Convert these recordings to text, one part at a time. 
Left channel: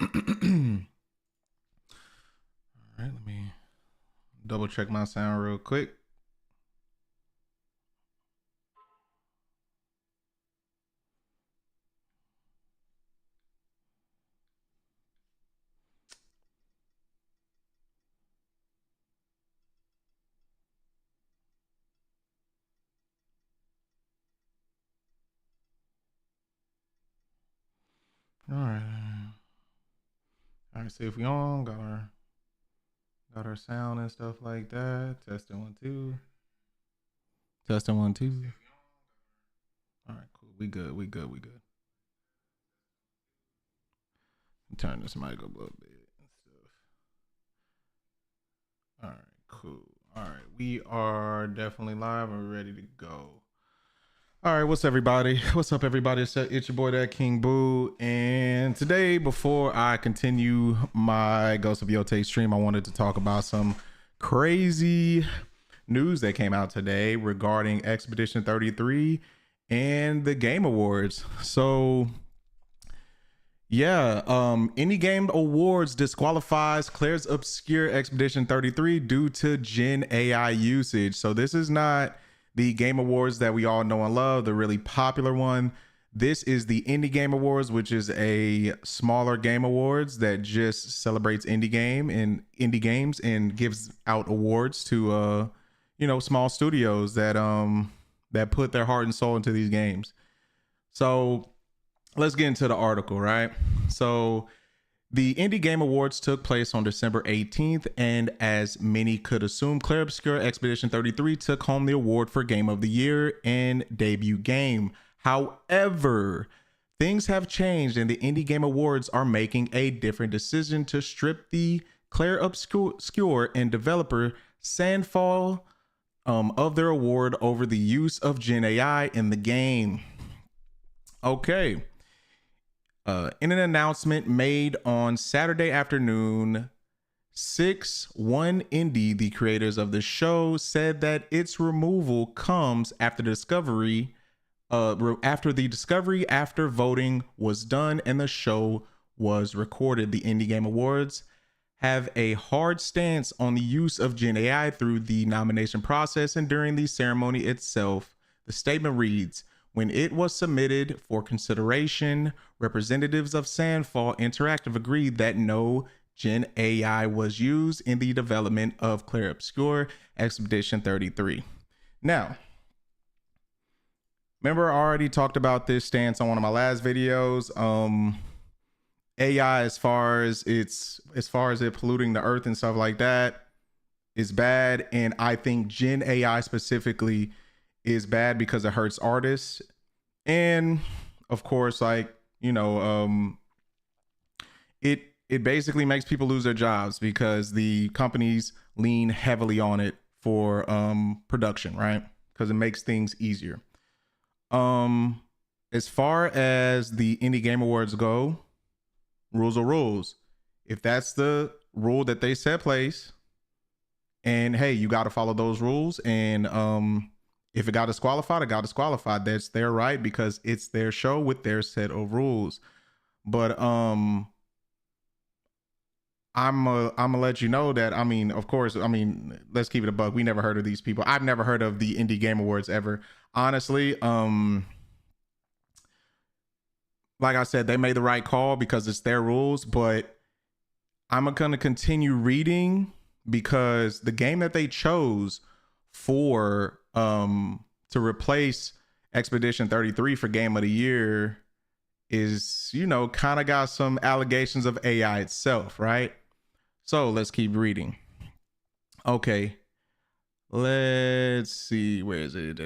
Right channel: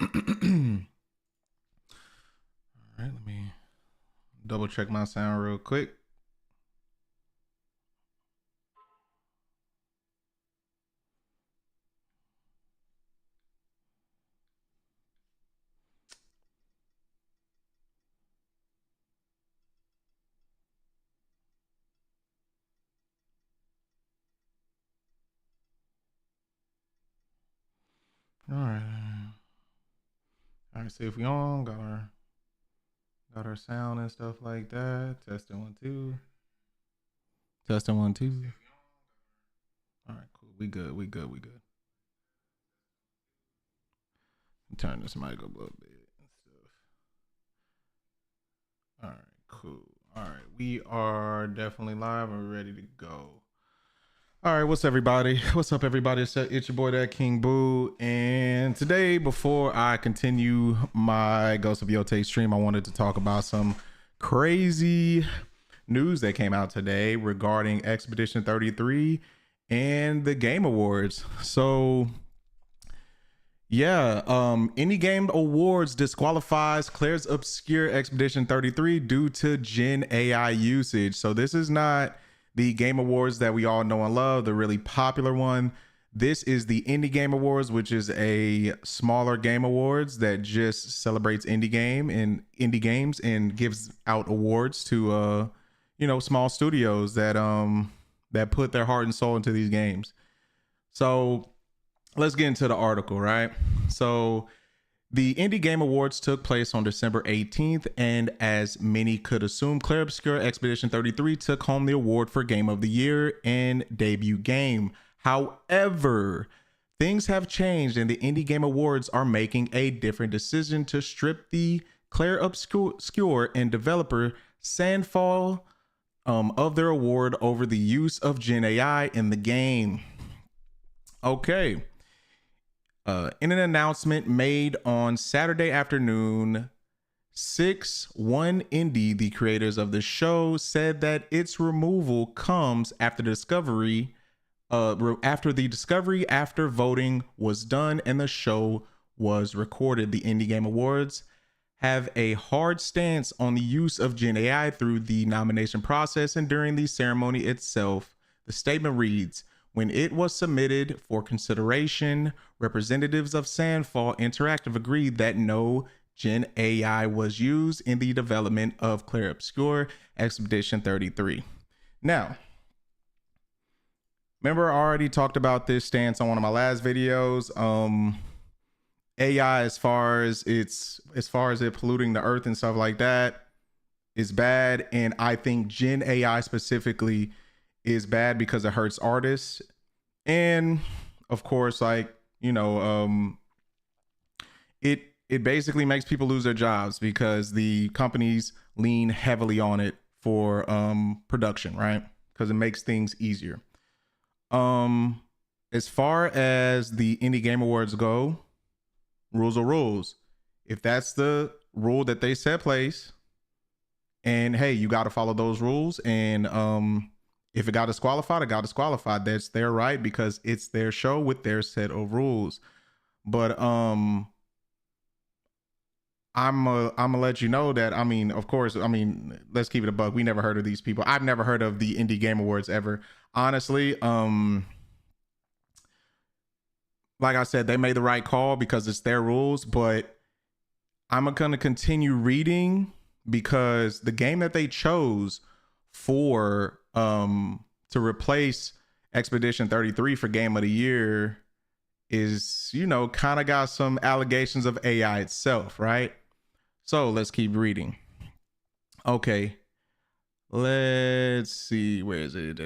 right, let me double check my sound real quick. All right. All right, see if we on. Got our sound and stuff like that. Testing 1 2. Testing 1 2. All right, cool. We good. Turn this mic up a little bit and stuff. All right, cool. All right, we are definitely live and we're ready to go. All right, what's everybody? What's up, everybody? It's your boy, that King Boo, and today, before I continue my Ghost of Yotei stream, I wanted to talk about some crazy news that came out today regarding Expedition 33 and the Game Awards. So, yeah, Indie Game Awards disqualifies Claire's obscure Expedition 33 due to Gen AI usage. So this is not the Game Awards that we all know and love, the really popular one. This is the Indie Game Awards, which is a smaller game awards that just celebrates indie games and gives out awards to small studios that put their heart and soul into these games. So let's get into the article, right? So the Indie Game Awards took place on December 18th, and as many could assume, Clair Obscur Expedition 33 took home the award for Game of the Year and Debut Game. However, things have changed, and the Indie Game Awards are making a different decision to strip the Clair Obscur and developer Sandfall of their award over the use of Gen AI in the game. Okay. In an announcement made on Saturday afternoon, 6-1 Indie, the creators of the show, said that its removal comes after the discovery after voting was done and the show was recorded. The Indie Game Awards have a hard stance on the use of Gen AI through the nomination process and during the ceremony itself. The statement reads, when it was submitted for consideration, representatives of Sandfall Interactive agreed that no Gen AI was used in the development of Clair Obscur Expedition 33. Now, remember I already talked about this stance on one of my last videos. AI, as far as it polluting the earth and stuff like that, is bad, and I think Gen AI specifically is bad because it hurts artists. And of course, it basically makes people lose their jobs because the companies lean heavily on it for production, right? Because it makes things easier. As far as the Indie Game Awards go, rules are rules. If that's the rule that they set place, and hey, you got to follow those rules, and if it got disqualified, it got disqualified. That's their right because it's their show with their set of rules. But I'm gonna let you know that, of course, let's keep it a buck. We never heard of these people. I've never heard of the Indie Game Awards ever. Honestly, like I said, they made the right call because it's their rules, but I'm gonna continue reading because the game that they chose for to replace Expedition 33 for Game of the Year is, kind of got some allegations of AI itself, right? So let's keep reading. Okay, let's see, where is it?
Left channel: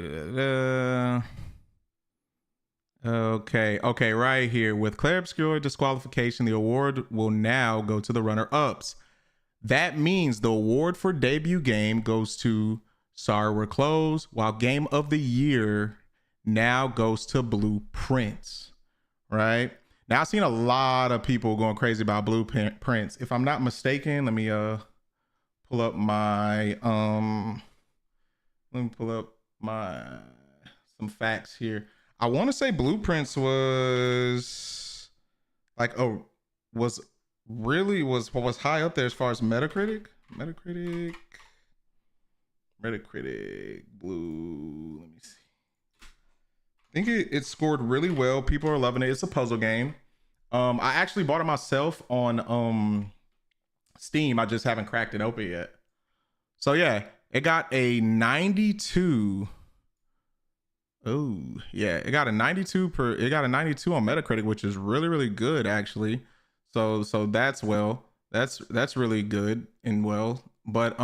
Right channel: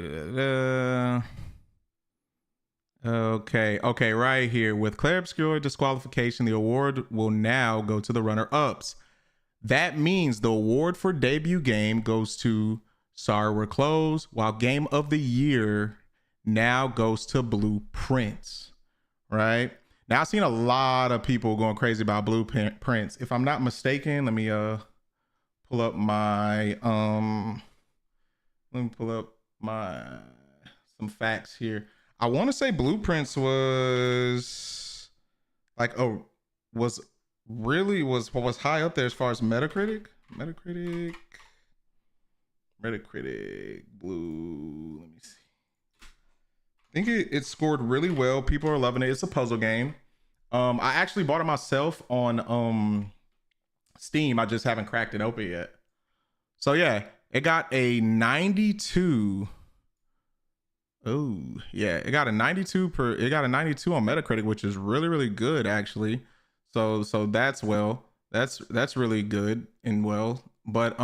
Okay, right here. With Clair Obscur disqualification, the award will now go to the runner-ups. That means the award for debut game goes to Sorry We're Closed, while Game of the Year now goes to Blueprints, right? Now, I've seen a lot of people going crazy about Blueprints. If I'm not mistaken, let me pull up my some facts here. I want to say Blueprints was really was high up there as far as Metacritic. Metacritic. Metacritic. Blue. Let me see. I think it scored really well. People are loving it. It's a puzzle game. I actually bought it myself on Steam. I just haven't cracked it open yet. So yeah, it got a 92. Oh yeah, it got a 92 it got a 92 on Metacritic, which is really, really good actually. So that's that's really good and well. But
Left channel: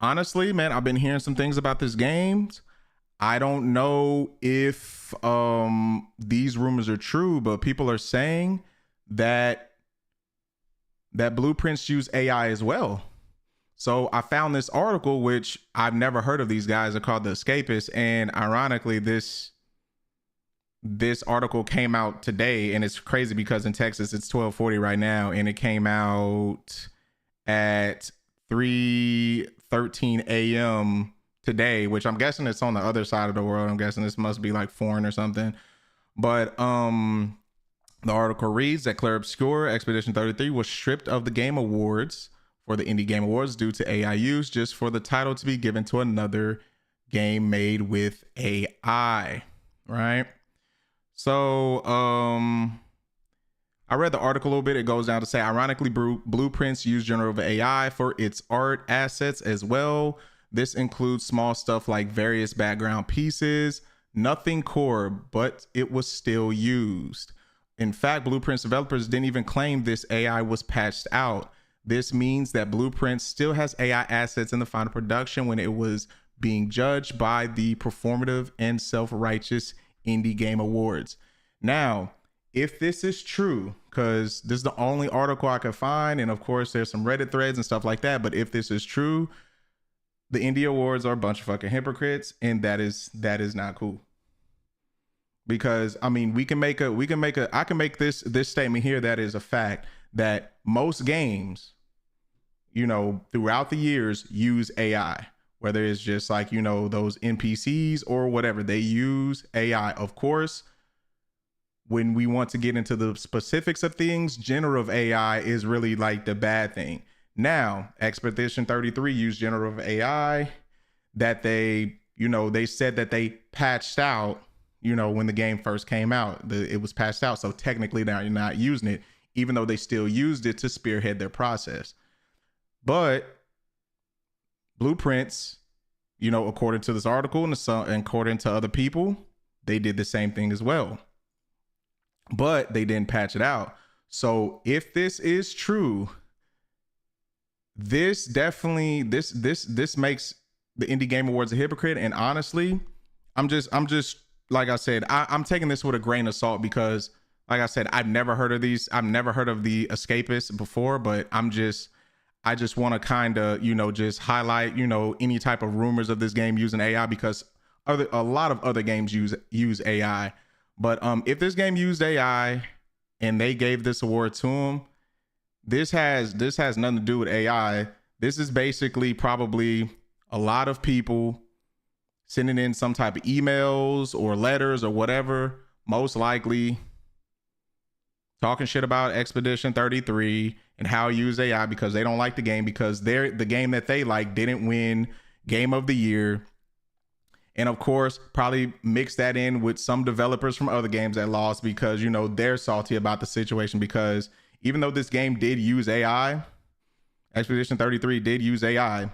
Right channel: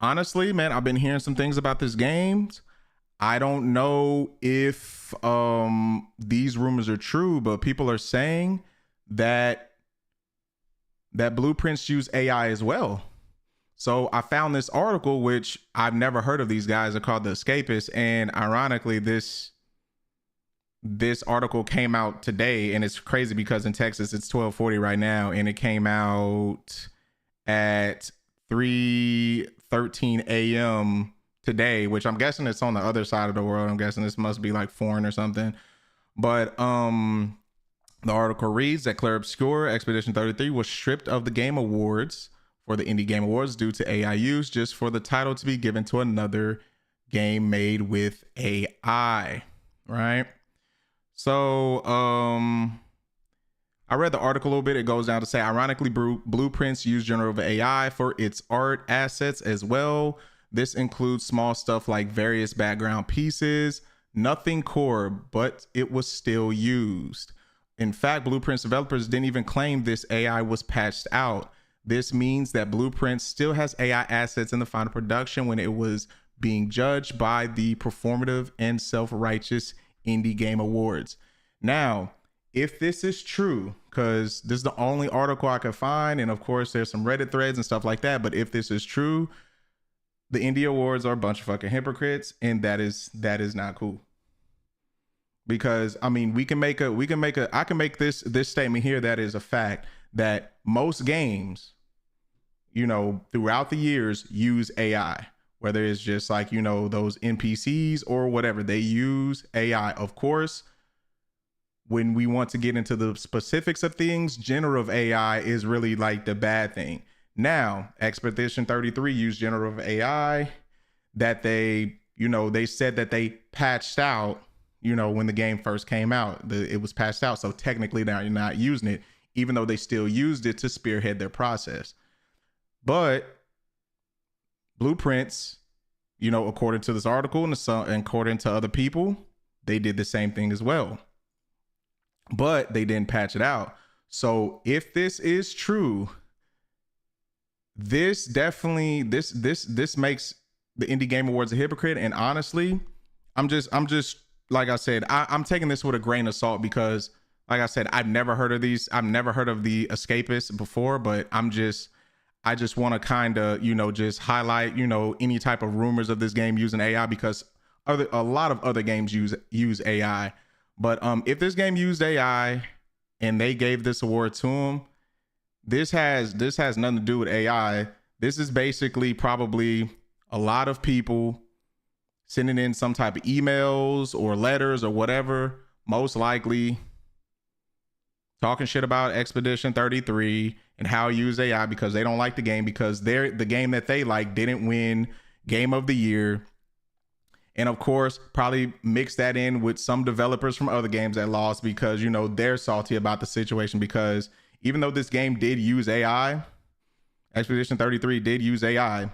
honestly, man, I've been hearing some things about this game. I don't know if these rumors are true, but people are saying that Blueprints use AI as well. So I found this article, which I've never heard of. These guys are called The Escapists, and ironically, this article came out today, and it's crazy because in Texas it's 12:40 right now, and it came out at 3:13 a.m. today, which I'm guessing it's on the other side of the world. I'm guessing this must be like foreign or something. But the article reads that Clair Obscur Expedition 33 was stripped of the Game Awards for the Indie Game Awards due to AI use, just for the title to be given to another game made with AI, right? So I read the article a little bit. It goes down to say, ironically, Blueprints use generative AI for its art assets as well. This includes small stuff like various background pieces, nothing core, but it was still used. In fact, Blueprints developers didn't even claim this AI was patched out. This means that Blueprints still has AI assets in the final production when it was being judged by the performative and self-righteous Indie Game Awards. Now, if this is true, because this is the only article I could find, and of course there's some Reddit threads and stuff like that, but if this is true, the Indie Awards are a bunch of fucking hypocrites, and that is not cool. Because I mean, I can make this statement here that is a fact, that most games, you know, throughout the years use AI, whether it's just like, you know, those NPCs or whatever, they use AI. Of course, when we want to get into the specifics of things, generative AI is really like the bad thing. Now, Expedition 33 used generative AI that they said that they patched out, you know, when the game first came out. It was patched out. So technically now you're not using it, even though they still used it to spearhead their process. But Blueprints, you know, according to this article and according to other people, they did the same thing as well. But they didn't patch it out. So if this is true, this definitely this makes the Indie Game Awards a hypocrite. And honestly, I'm just like I said, I'm taking this with a grain of salt because, like I said, I've never heard of these. I've never heard of the Escapists before, but I just want to kind of, you know, just highlight, you know, any type of rumors of this game using AI, because a lot of other games use AI. But if this game used AI and they gave this award to them, this has nothing to do with AI. This is basically probably a lot of people sending in some type of emails or letters or whatever, most likely talking shit about Expedition 33 and how it used AI because they don't like the game, because the game that they like didn't win Game of the Year. And of course, probably mix that in with some developers from other games that lost because, you know, they're salty about the situation, because even though this game did use AI, Expedition 33 did use AI,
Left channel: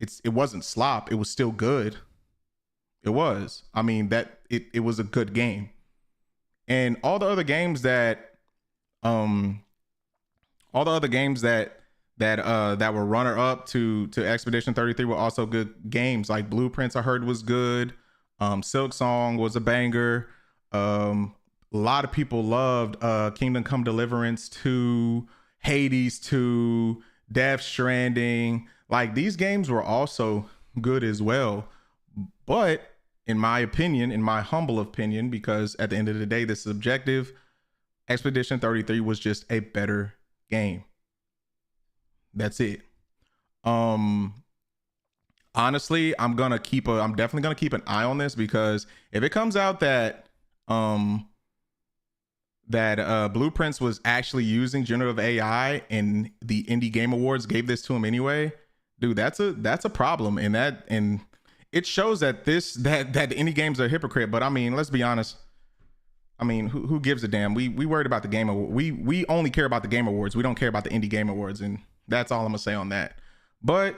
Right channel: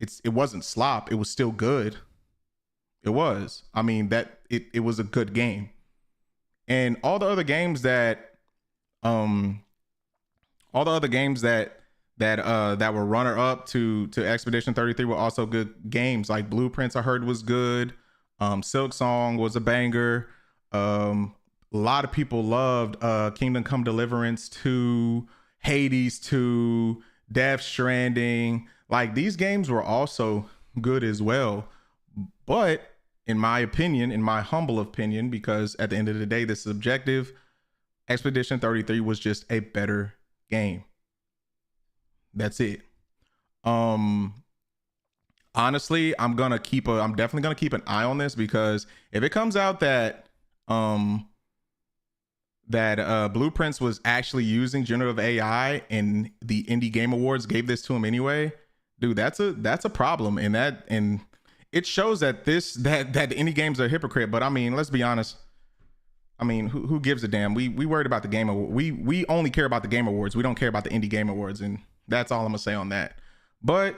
it wasn't slop. It was still good. It was. I mean, that it was a good game. And all the other games that were runner up to Expedition 33 were also good games. Like Blueprints, I heard was good. Silk Song was a banger. A lot of people loved Kingdom Come Deliverance 2, Hades 2, Death Stranding. Like, these games were also good as well. But in my opinion, in my humble opinion, because at the end of the day, this is objective, Expedition 33 was just a better game. That's it. Honestly, I'm definitely gonna keep an eye on this, because if it comes out that Blueprints was actually using generative AI, and the Indie Game Awards gave this to him anyway, dude, that's a problem. And it shows that the indie games are a hypocrite. But I mean, let's be honest. I mean, who gives a damn? We worried about the Game Award. We only care about the Game Awards. We don't care about the Indie Game Awards, and that's all I'm gonna say on that. But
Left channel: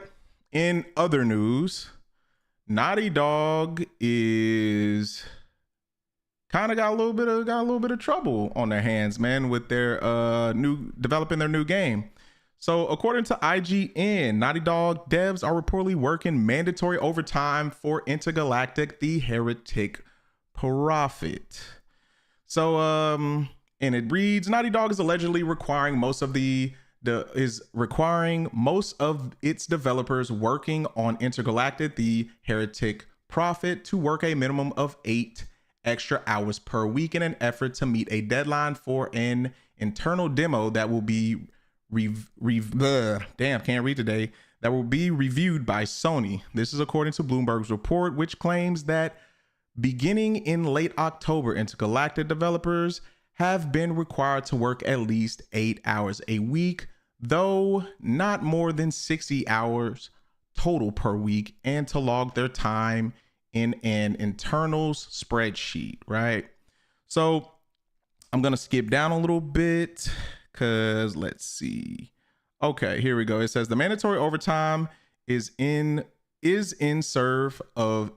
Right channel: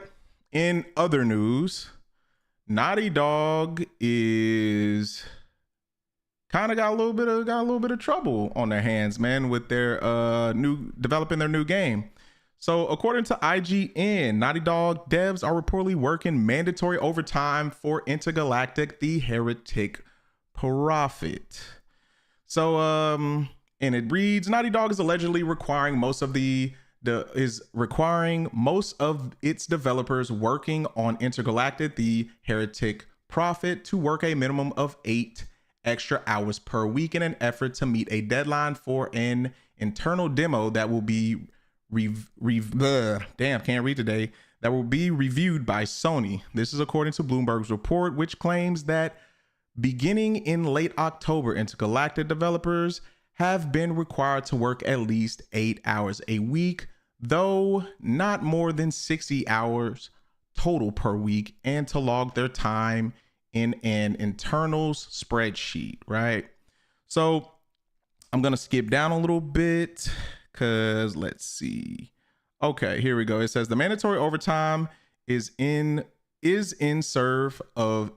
in other news, Naughty Dog is kind of got a little bit of trouble on their hands, man, with their developing their new game. So according to IGN, Naughty Dog devs are reportedly working mandatory overtime for Intergalactic: The Heretic Prophet. So and it reads, Naughty Dog is allegedly requiring most of its developers working on Intergalactic: The Heretic Prophet to work a minimum of 8 extra hours per week in an effort to meet a deadline for an internal demo that will be that will be reviewed by Sony. This is according to Bloomberg's report, which claims that beginning in late October, Intergalactic developers have been required to work at least 8 hours a week, though not more than 60 hours total per week, and to log their time in an internals spreadsheet, right? So I'm going to skip down a little bit because let's see. Okay, here we go. It says the mandatory overtime is in service of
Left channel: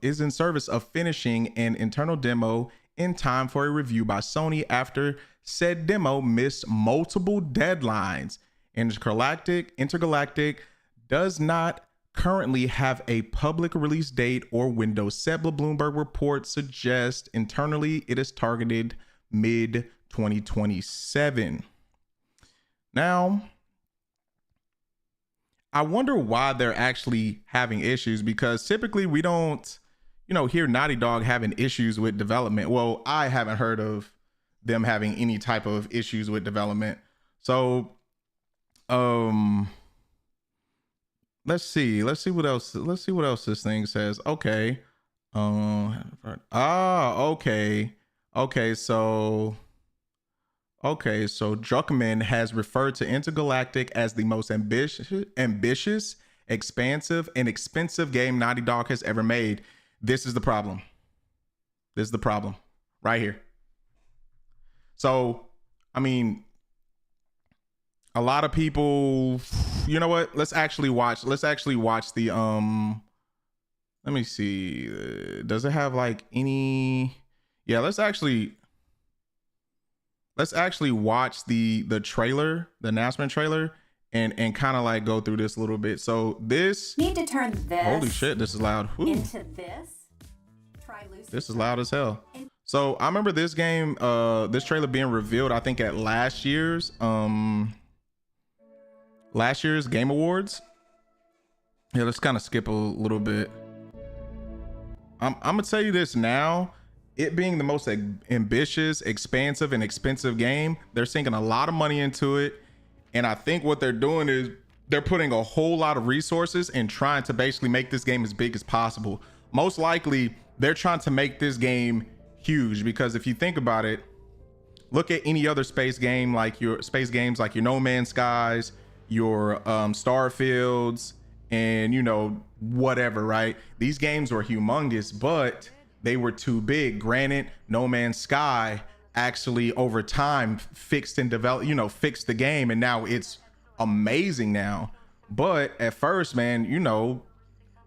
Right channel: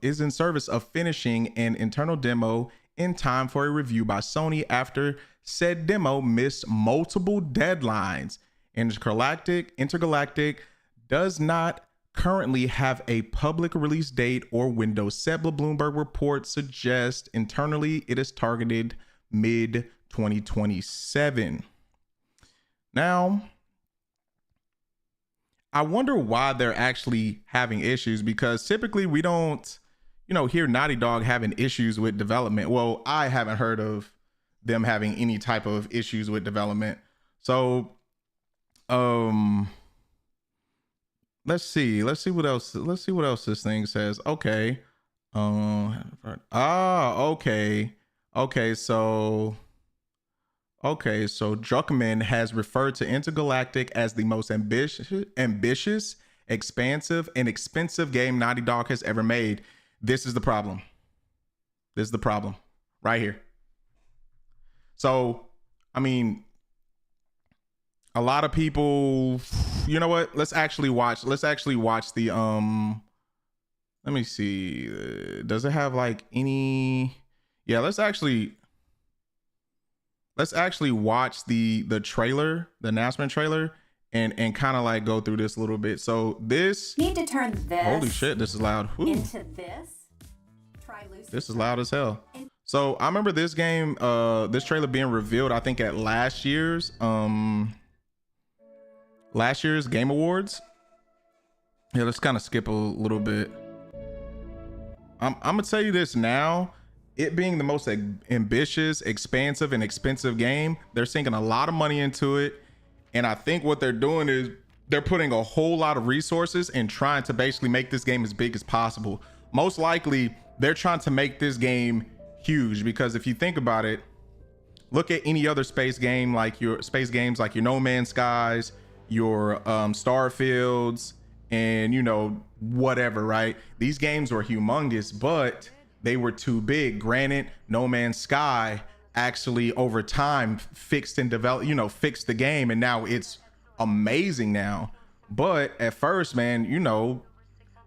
finishing an internal demo in time for a review by Sony after said demo missed multiple deadlines. Intergalactic does not currently have a public release date or window set, but Bloomberg report suggests internally it is targeted mid 2027. Now, I wonder why they're actually having issues, because typically we don't, hear Naughty Dog having issues with development. Well, I haven't heard of them having any type of issues with development. So, let's see what else. Let's see what else this thing says. Okay. Okay, so Druckmann has referred to Intergalactic as the most ambitious, expansive, and expensive game Naughty Dog has ever made. This is the problem. This is the problem right here. So, I mean, a lot of people, you know what? Let's actually watch the, let me see. Does it have like any, yeah, let's actually watch the trailer, the announcement trailer, and kind of like go through this a little bit. So this need to turn this. Holy shit, this is loud. Whew. Into this. Try Lucy. This is loud as hell. So I remember this game, this trailer being revealed, I think at last year's Game Awards. Yeah, let's kind of skip a little bit. I'm gonna tell you this now. It being the most ambitious, expansive, and expensive game, they're sinking a lot of money into it. And I think what they're doing is they're putting a whole lot of resources and trying to basically make this game as big as possible. Most likely, they're trying to make this game huge, because if you think about it, look at any other space games like your No Man's Skies, your Starfields, and whatever, right? These games were humongous, but they were too big. Granted, No Man's Sky actually over time fixed and developed, fixed the game, and now it's amazing now. But at first, man,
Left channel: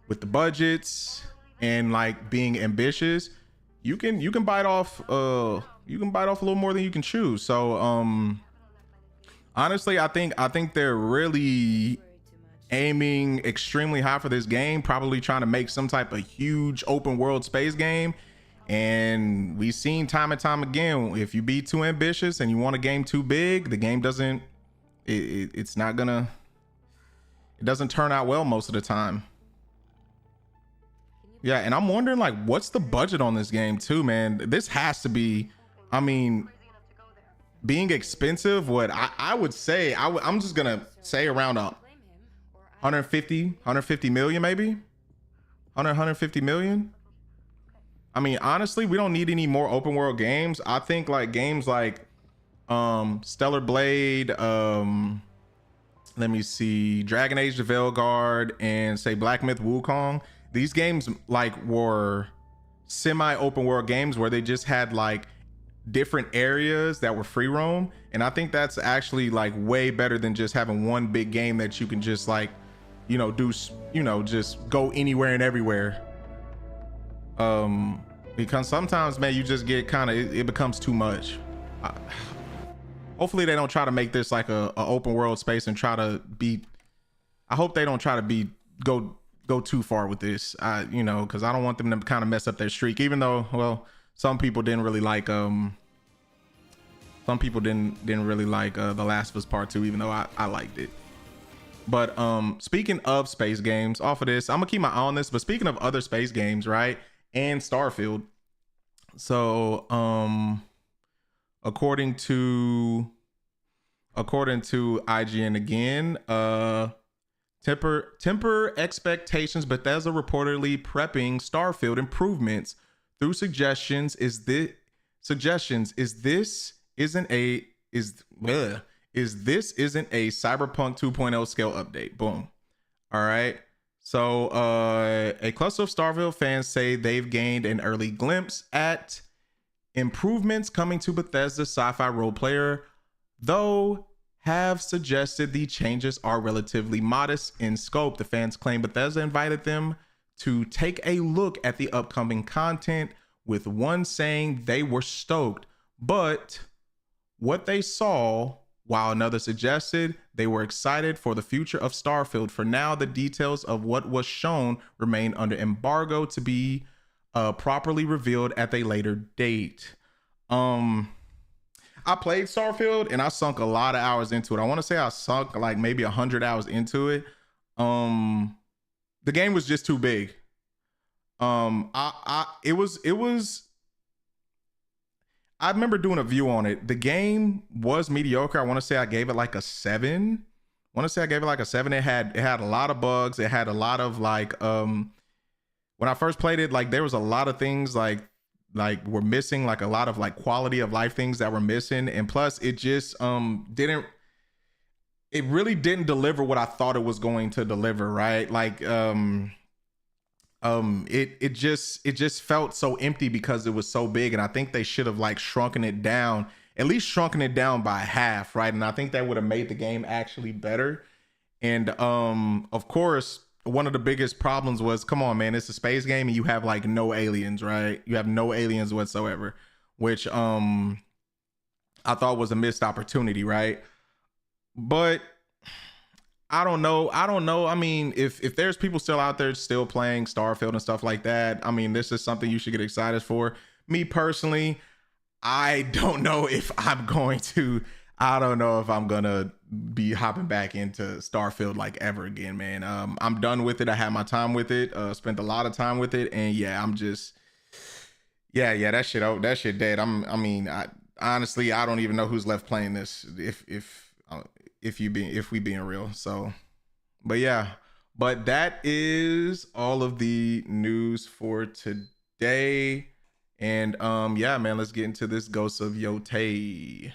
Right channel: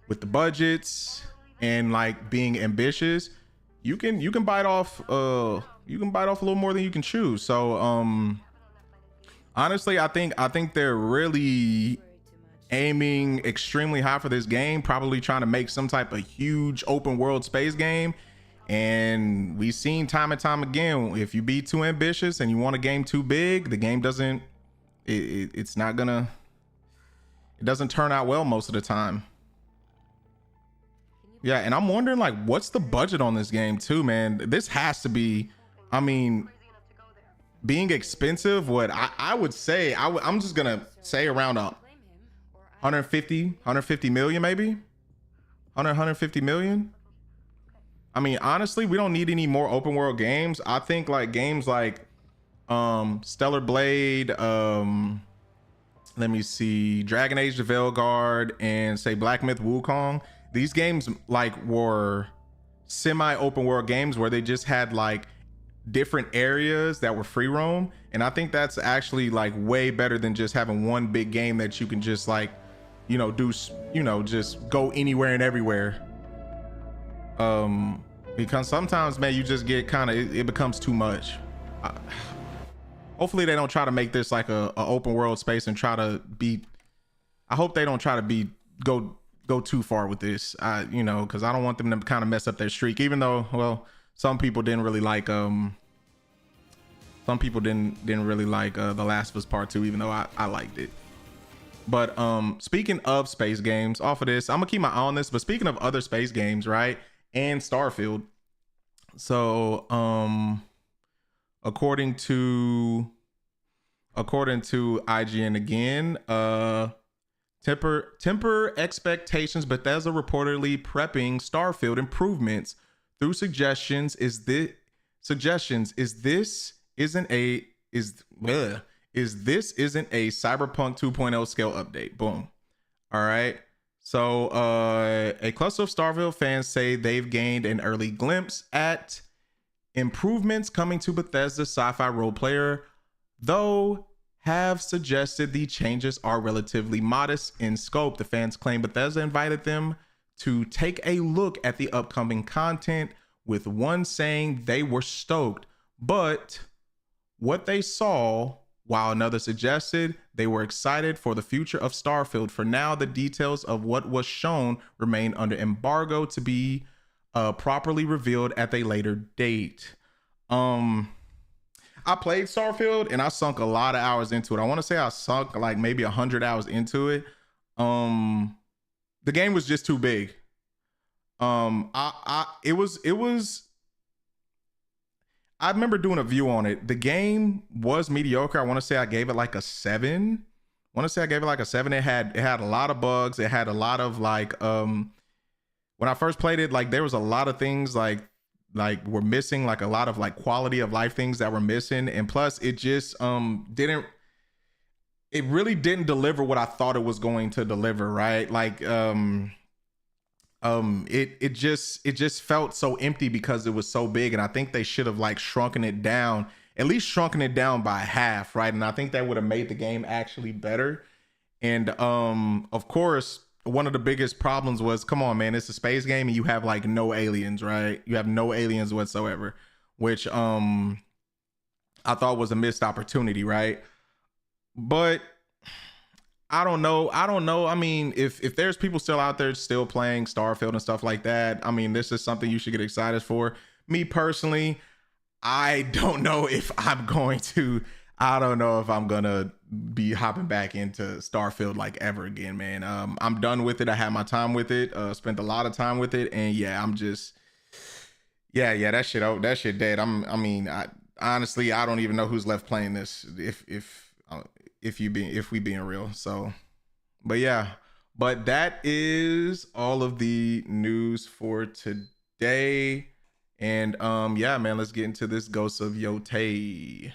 with the budgets and like being ambitious, you can bite off a little more than you can chew. So honestly, I think they're really aiming extremely high for this game, probably trying to make some type of huge open world space game. And we've seen time and time again, if you be too ambitious and you want a game too big, the game doesn't turn out well most of the time. Yeah, and I'm wondering, like, what's the budget on this game too, man? This has to be, I mean, being expensive, what I would say, I'm just gonna say around 150 million, maybe 150 million. I mean, honestly, we don't need any more open world games. I think like games like Stellar Blade, let me see, Dragon Age the Veilguard, and say Black Myth Wukong. These games like were semi open world games where they just had like different areas that were free roam, and I think that's actually like way better than just having one big game that you can just like, you know, do, you know, just go anywhere and everywhere. Because sometimes, man, you just get kind of, it becomes too much. Hopefully they don't try to make this like a open world space and try to be, I hope they don't try to be go too far with this. You know, because I don't want them to kind of mess up their streak, even though, well, some people didn't really like The Last of Us Part 2, even though I liked it. But speaking of space games, off of this, I'm gonna keep my eye on this, but speaking of other space games, right, and Starfield, so according to IGN again, temper expectations. Bethesda reportedly prepping Starfield improvements through suggestions. Is this isn't a Cyberpunk 2.0 scale update? Boom. All right. So a cluster of Starfield fans say they've gained an early glimpse at improvements coming to Bethesda's sci-fi role player, though have suggested the changes are relatively modest in scope. The fans claim Bethesda invited them to take a look at the upcoming content, with one saying they were stoked, but what they saw, while another suggested they were excited for the future of Starfield. For now, the details of what was shown remain under embargo to be properly revealed at a later date. I played Starfield and I sunk a lot of hours into it. I want to say I sunk like maybe 100 hours into it. The game was just too big. It was I remember doing a view on it. The game was mediocre. I want to say I gave it like a 7. It had a lot of bugs. It had a lot of like when I first played it, like there was a lot of things like were missing, like a lot of like quality of life things that were missing, and plus it just really didn't deliver what I thought it was going to deliver, right? Like it just felt so empty because it was so big, and I think they should have like shrunken it down by half, right? And I think that would have made the game actually better. And of course, one of the biggest problems was, come on, man, it's a space game and you have like no aliens, right? You have no aliens whatsoever, which I thought was a missed opportunity, right? But I don't know. I mean, if there's people still out there still playing Starfield and stuff like that, I mean, this is something you should get excited for. Me personally, I don't know if I'm going to be hopping back into Starfield like ever again, man. I'm done with it. I had my time with it, spent a lot of time with it, and yeah, I'm just that shit dead. Honestly, I don't even know who's left playing this if we being real. So, but yeah, but that is all of the news for today. And yeah, man, let's get into this Ghost of Yotei.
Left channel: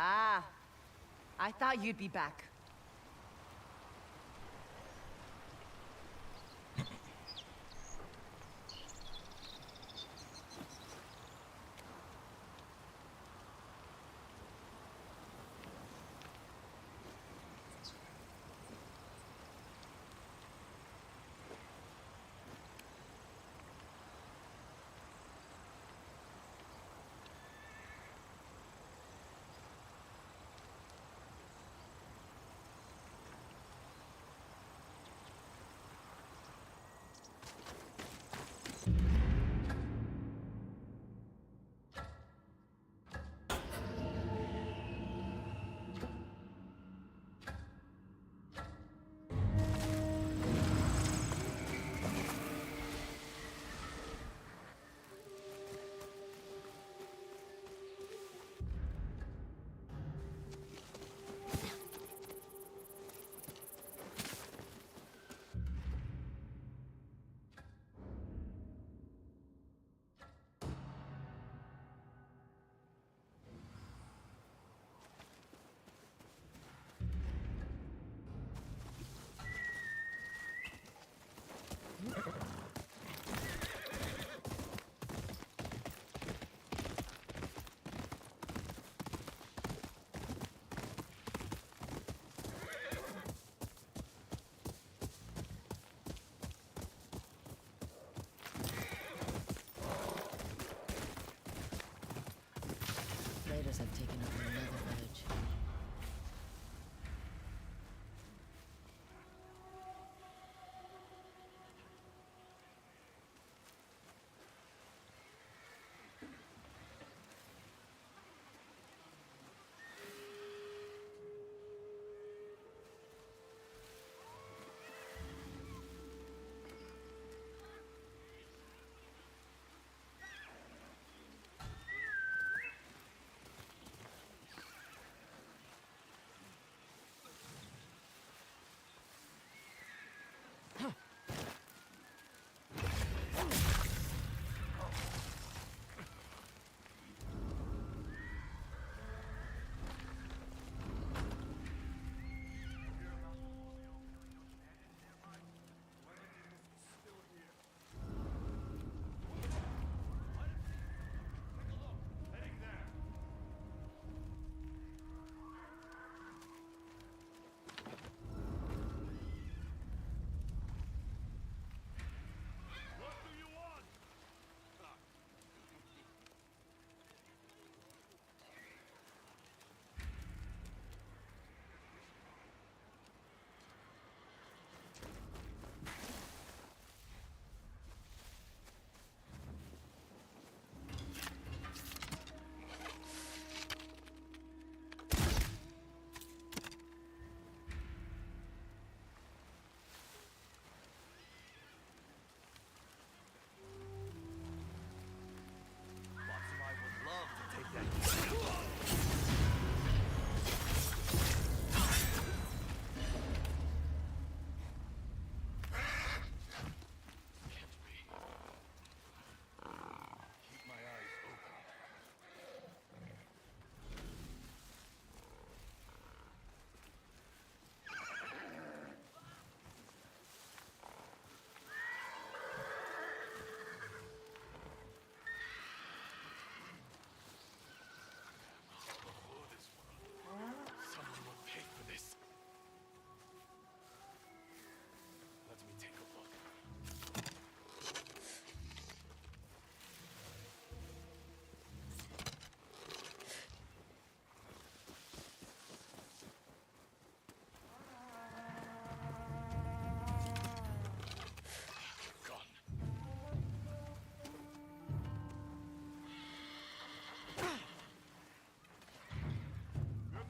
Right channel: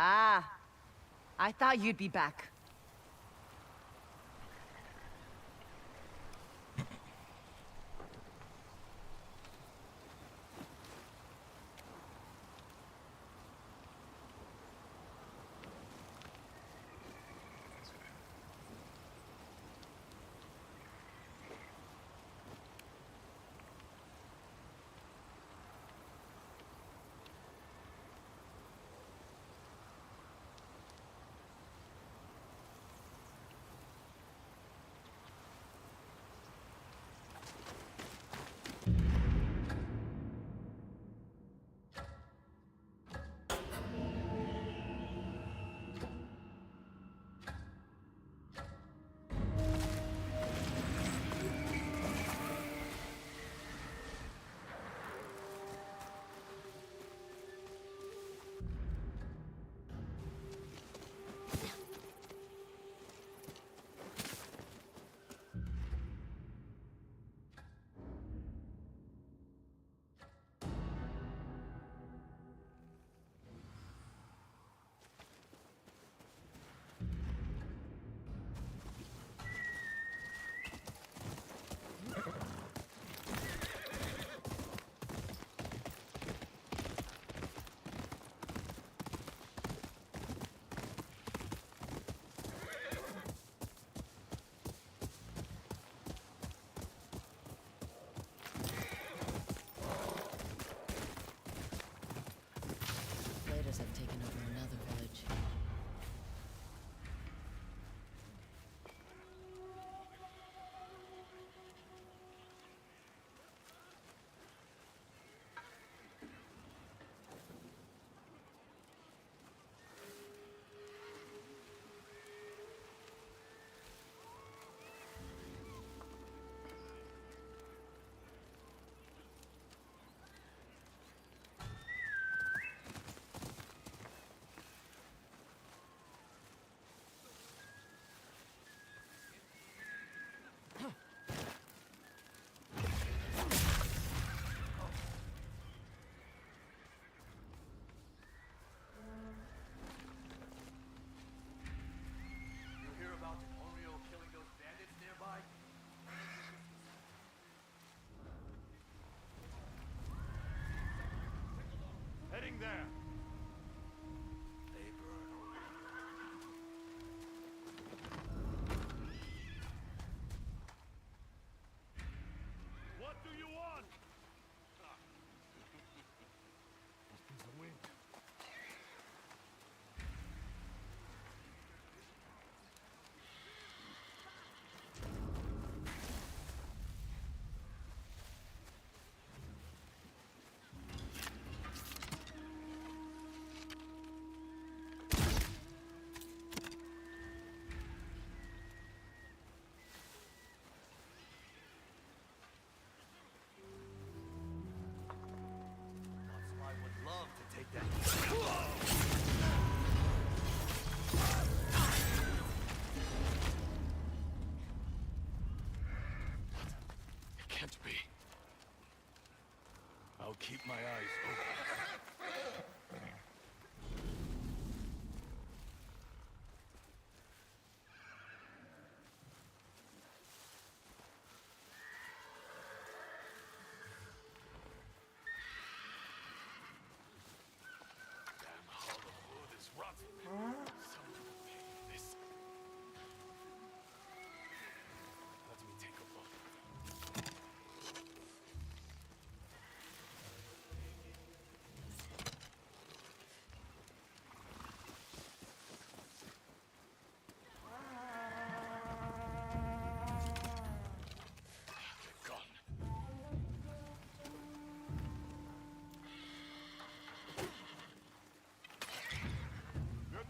Ah, I thought you'd be back.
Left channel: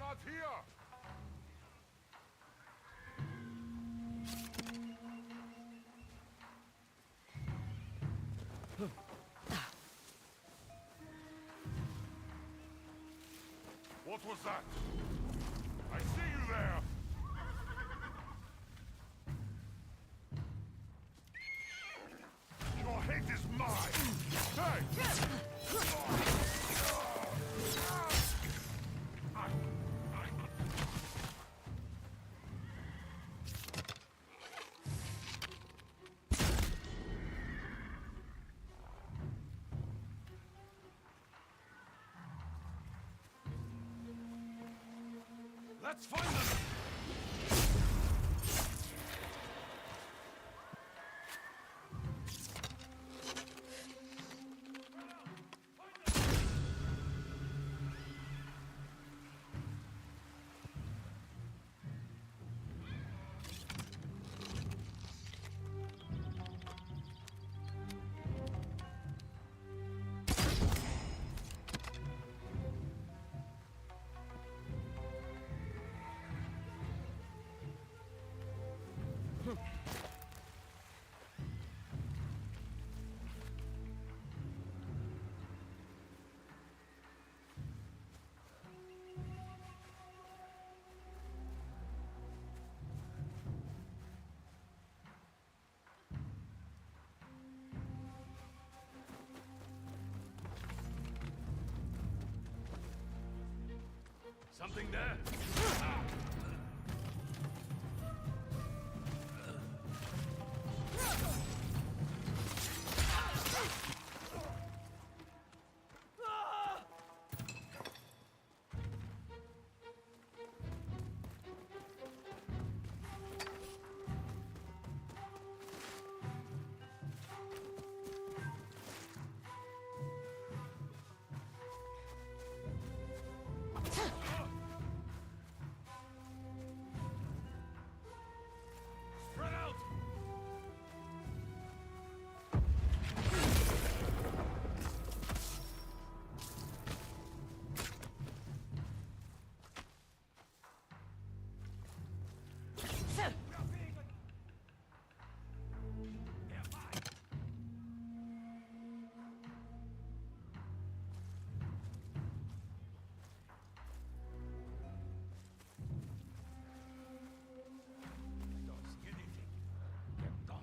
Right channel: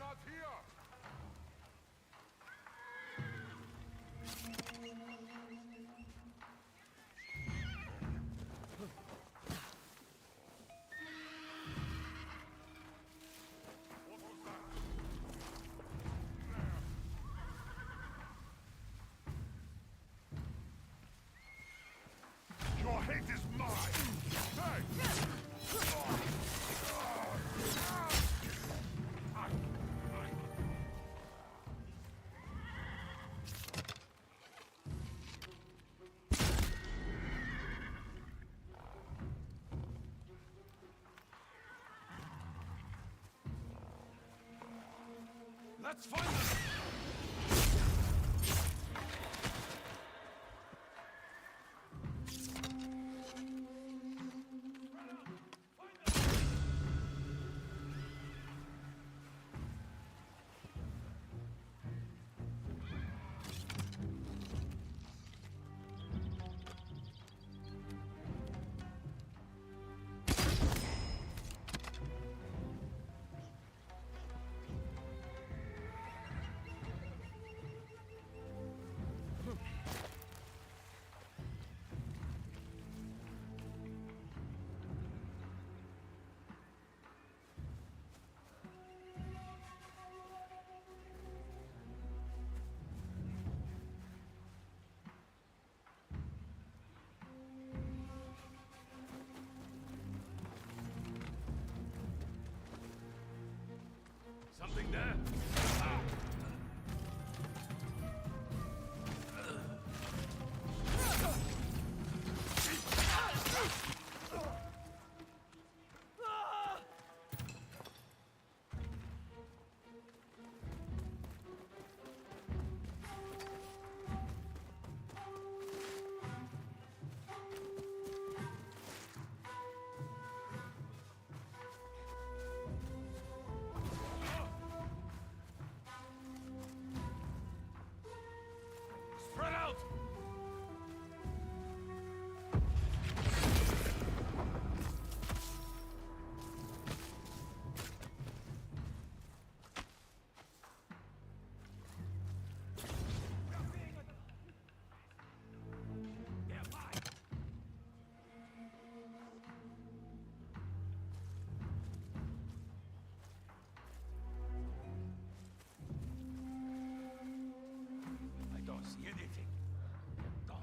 not here! What was that? I see you there! Your hate is mine! Hey! Let's find them! Something there? Ah! Spread out! They're mine! I don't see anything. They're gone.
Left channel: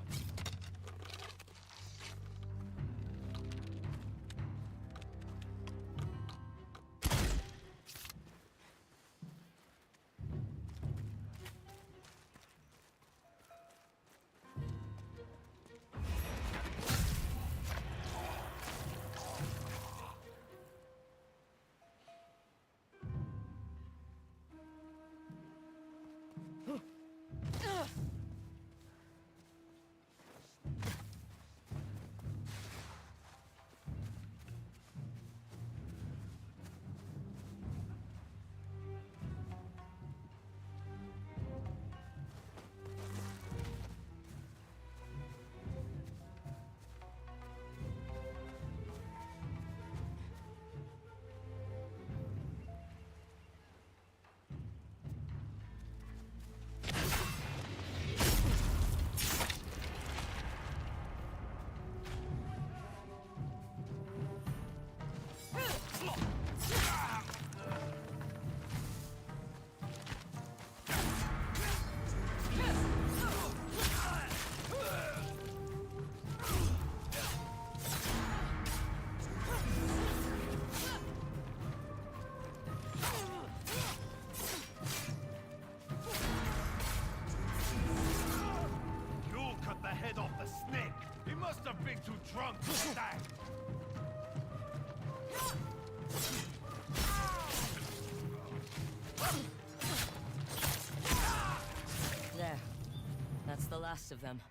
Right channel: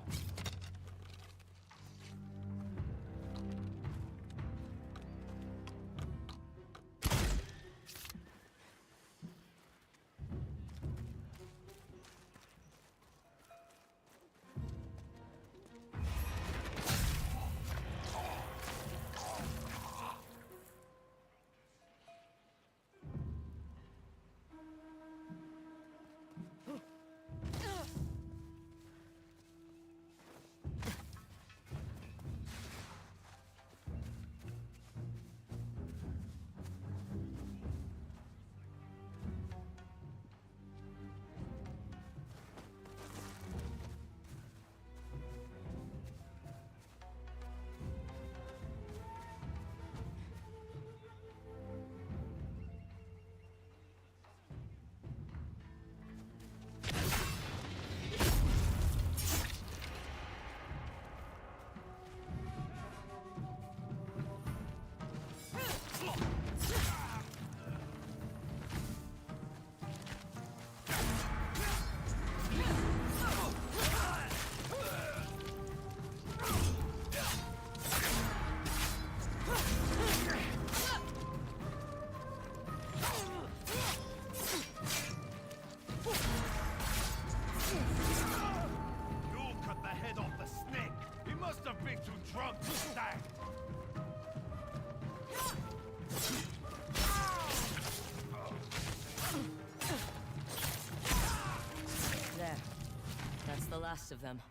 You'll cut the head off the snake! He must have been too drunk to stand! There. That's the last of them.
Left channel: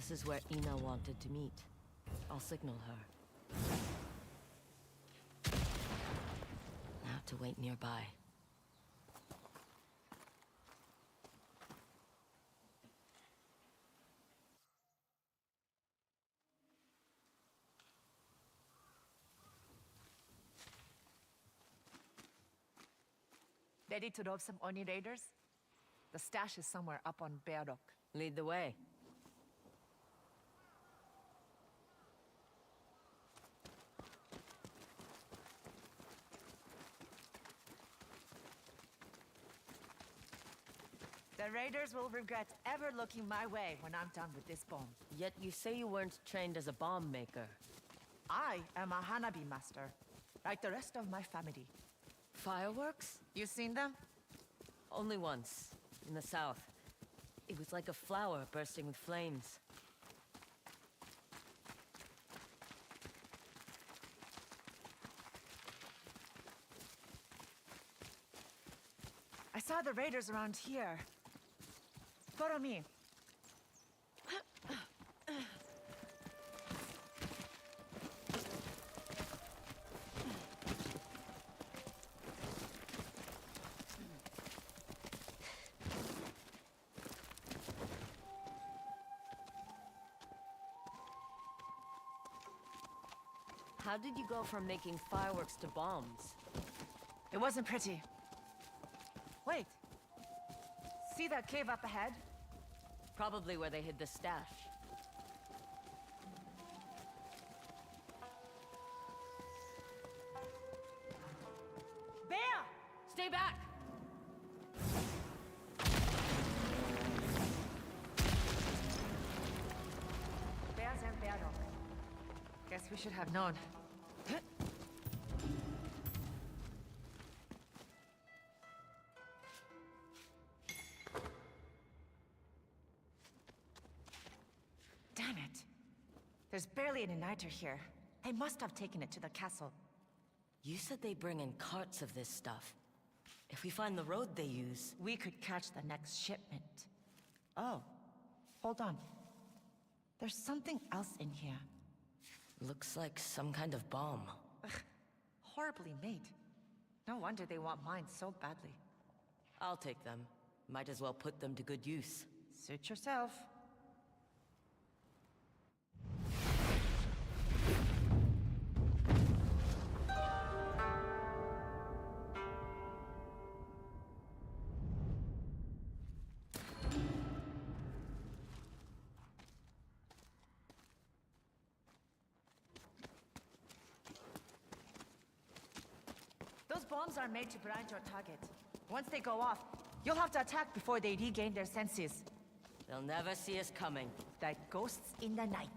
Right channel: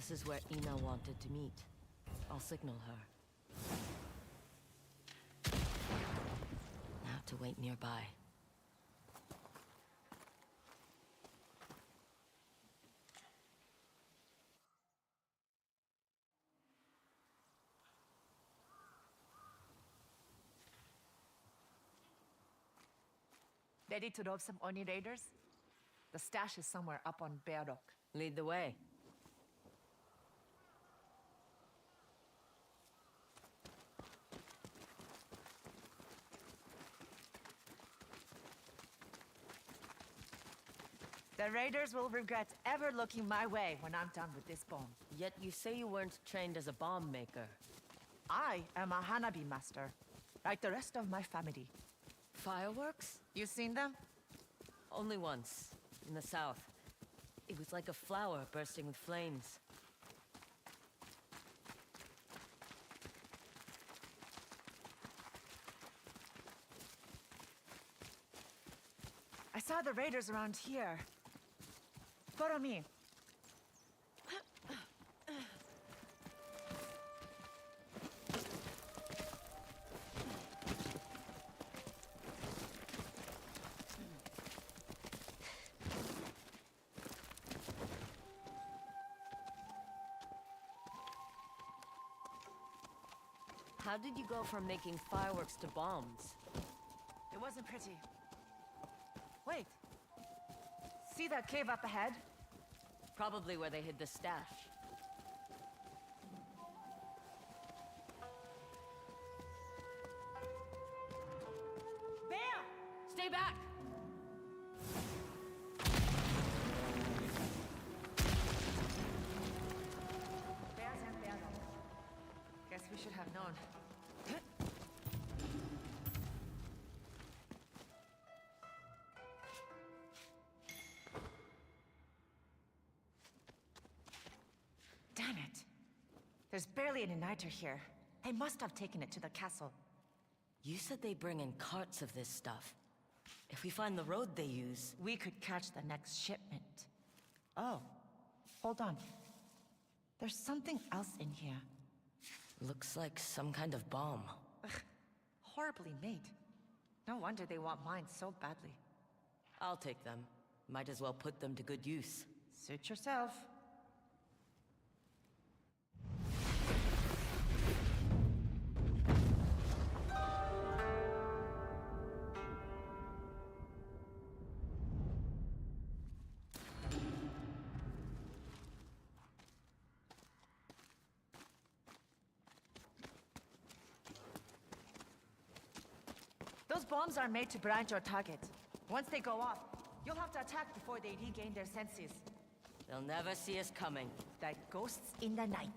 This is where Ina wanted to meet. I'll signal her. Now to wait nearby. Ready to rob some Oni raiders? The stash is somewhere up on Bear Rock. Lead the way. The raiders will regret ever looking my way when I'm done with this bomb. Yet you say you weren't trained as a bomb maker. I am a Hanabi master, like the rest of my family. Fireworks? You seen them? Only once, in the south. It was like a flower bursting with flames. I saw the raiders around here. Follow me. How did you go from making fireworks to bombs? It wasn't pretty. Wait. See that cave up ahead? Probably where they hid the stash. Bear! Stay back! Bears and Bear Rock. Guess we should have known. Damn it. There's barely an igniter here. They must have taken it to the castle. You said they bring in carts of this stuff. If we find the road they use... We could catch the next shipment. Oh, hold on. There's something else in here. Looks like some kind of bomb. Ugh, horribly made. No wonder they want mine so badly. I'll take them. Might as well put them to good use. Suit yourself. Those bombs are made to blind your target. Once they go off, you'll have to attack before they regain their senses. They'll never see us coming. Like ghosts in the night.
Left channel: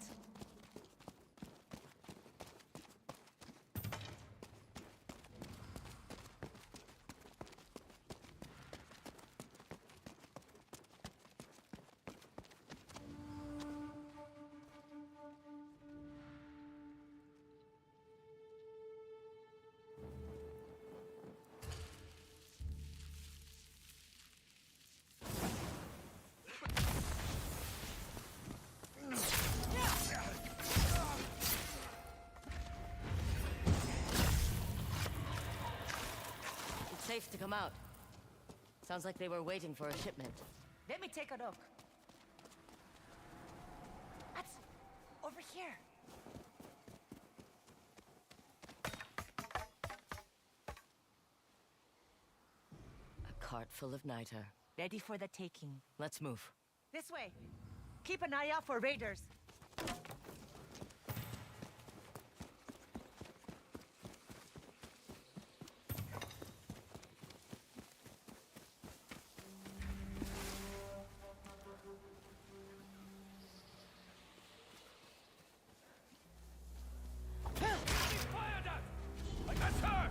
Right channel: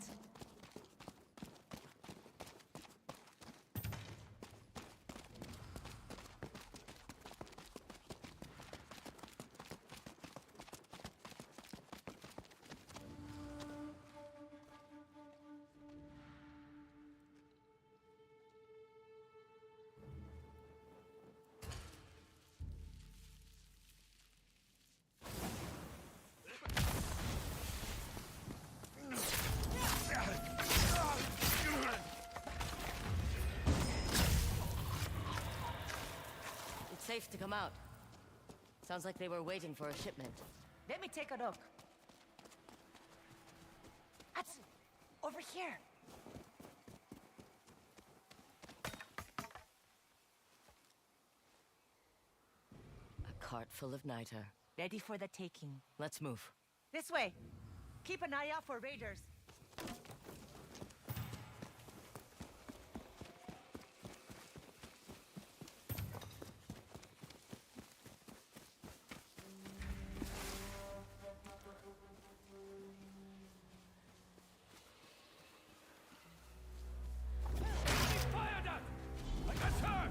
It's safe to come out. Sounds like they were waiting for a shipment. Let me take a look. That's over here. A cart full of niter. Ready for the taking. Let's move. This way. Keep an eye out for raiders. Fired at! I got her!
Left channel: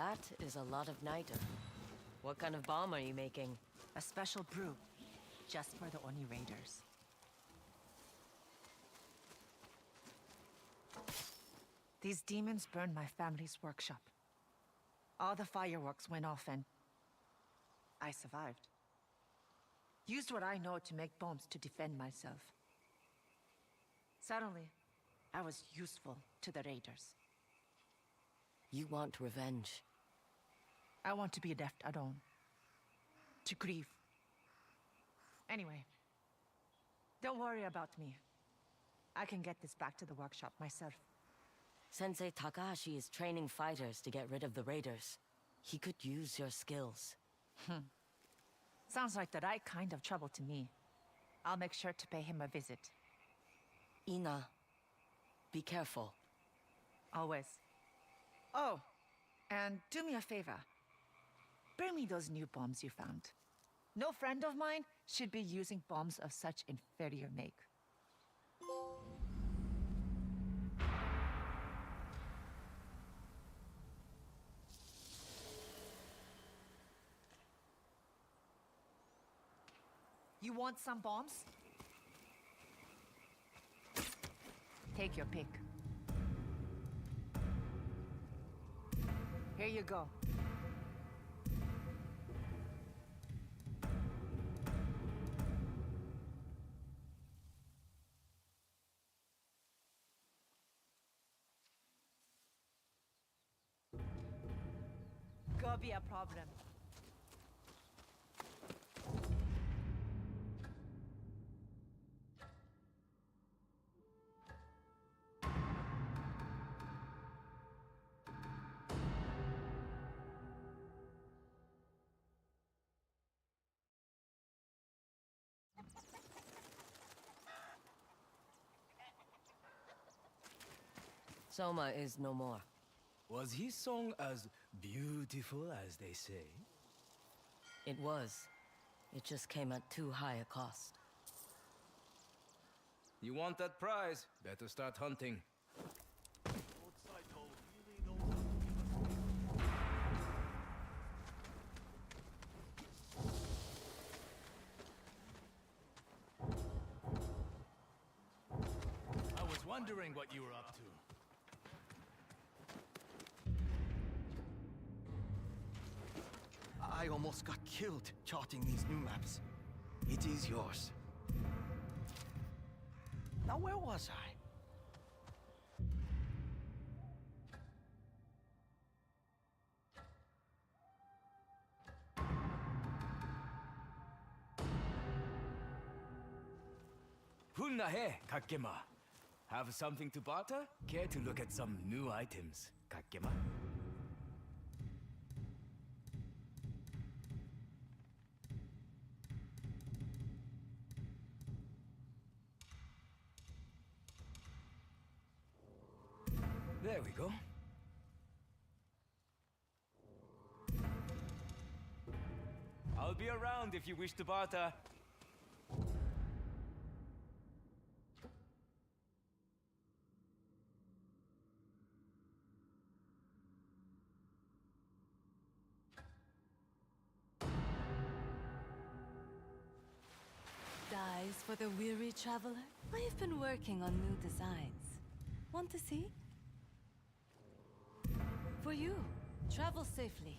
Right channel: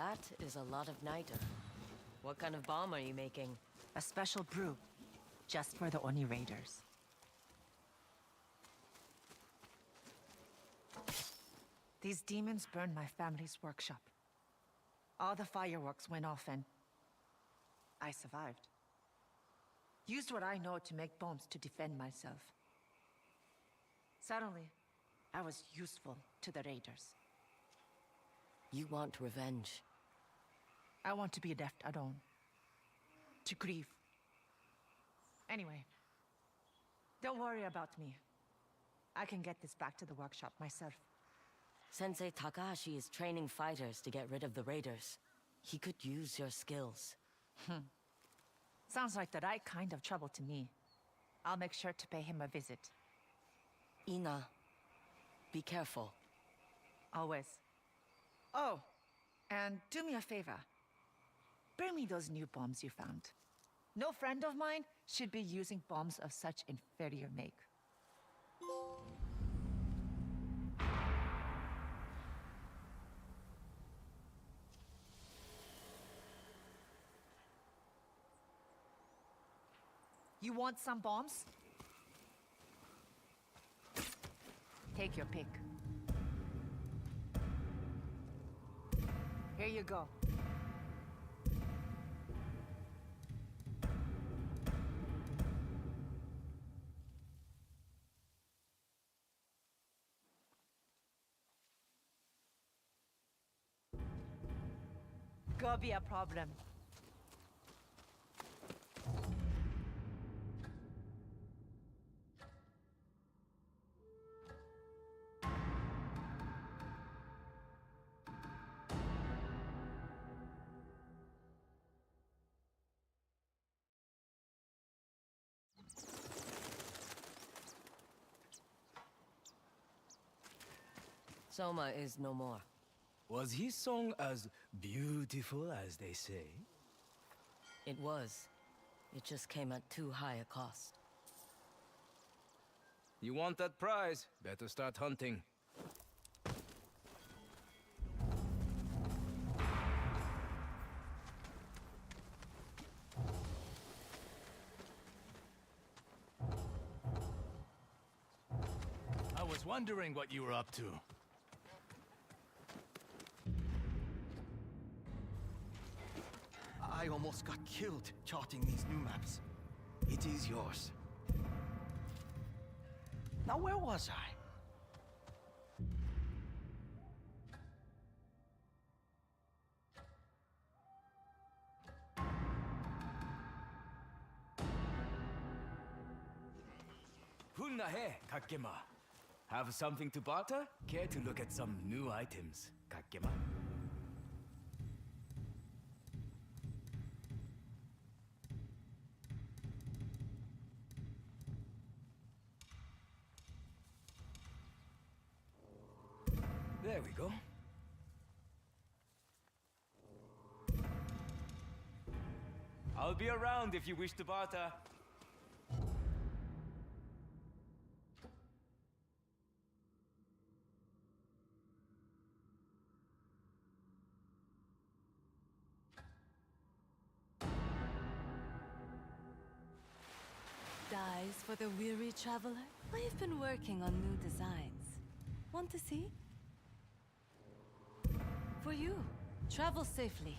That is a lot of niter. What kind of bomb are you making? A special brew, just for the Oni Raiders. These demons burned my family's workshop. All the fireworks went off and I survived. Used what I know to make bombs to defend myself. Suddenly, I was useful to the Raiders. You want revenge. I want to be left alone. To grieve. Anyway, don't worry about me. I can get this back to the workshop myself. Sensei Takahashi is training fighters to get rid of the raiders. He could use your skills. Sounds like the right kind of trouble to me. I'll make sure to pay him a visit. Ina, be careful. Always. Oh, and do me a favor. Bring me those new bombs you found. No friend of mine should be using bombs of such inferior make. You want some bombs? Take your pick. Here you go. Go be a problem. Soma is no more. Was his song as beautiful as they say? It was. It just came at too high a cost. You want that prize? Better start hunting. I was wondering what you were up to. I almost got killed charting these new maps. It is yours. Now where was I? Hunnahe, Kakema. Have something to barter? Care to look at some new items, Kakema? There we go. I'll be around if you wish to barter. Dyes for the weary traveler? I've been working on new designs. Want to see? For you. Travel safely.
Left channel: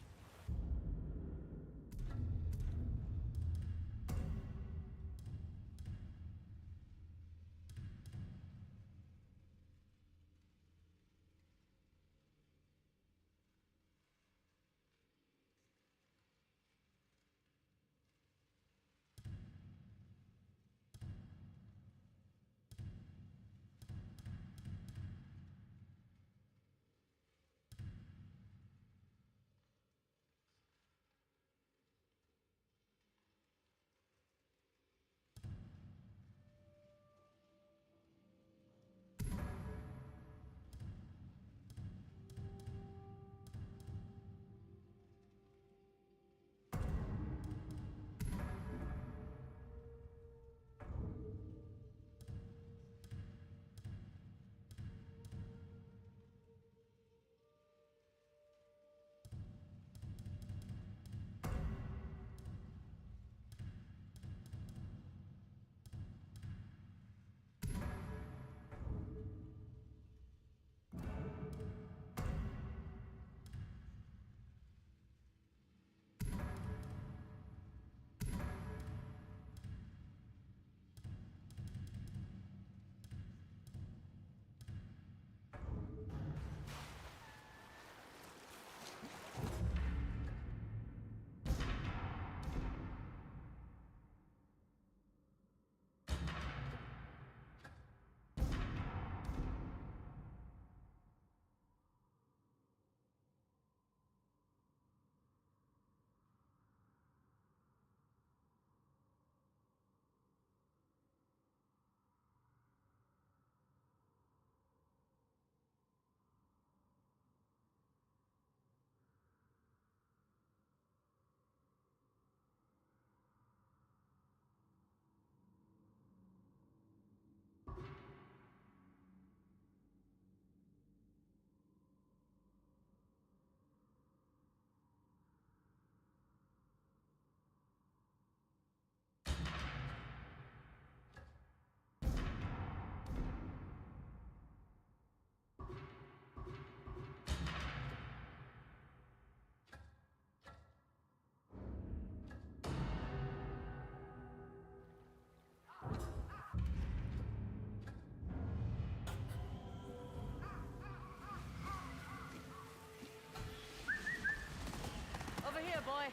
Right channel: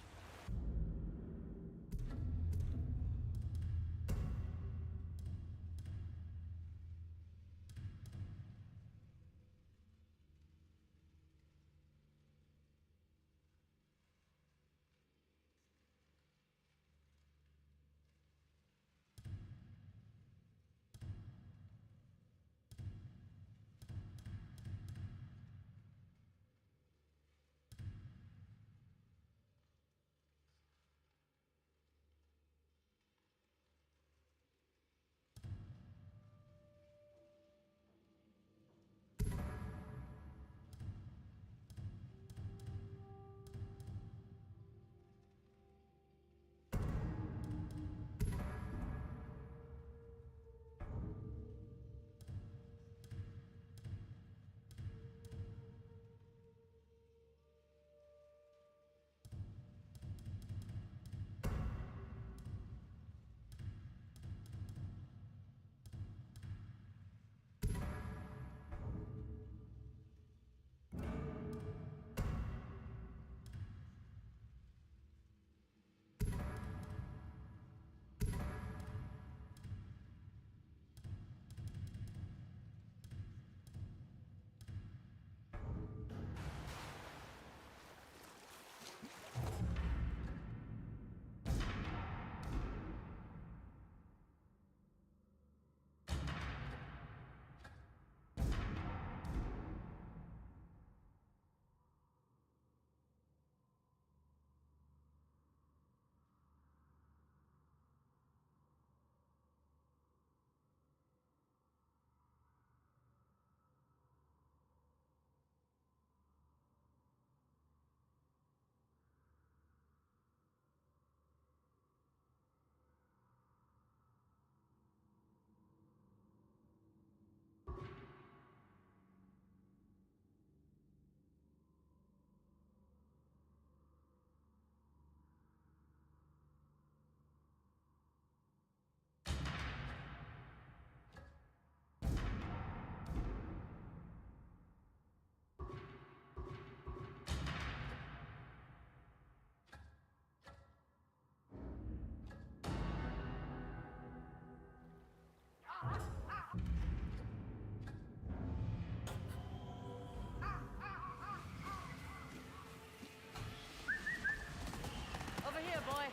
boy.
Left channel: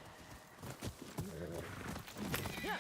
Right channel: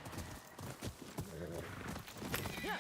Yeah.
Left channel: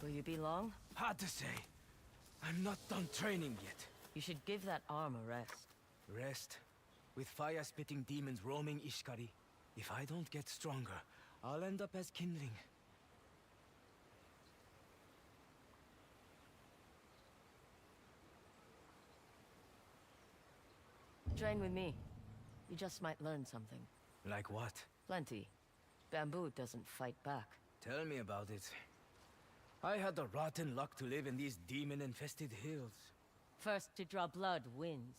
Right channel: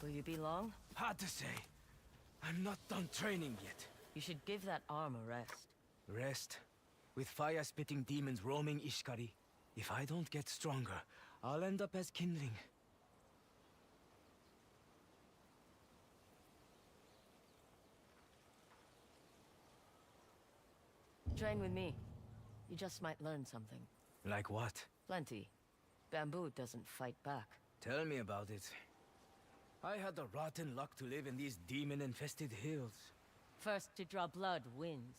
Will you be long? Hard to say. I'm not done training yet. You should give that arm a rest. Rest? With fire-spitting demons roaming Ishikari? If I don't get stronger, I'll end up as kindling. Train with me. You just might learn something. Like what? Plenty. Bamboo doesn't fight back. Tell me about it. I had the rotten luck to live in these demon-infested hills. First to draw blood wins.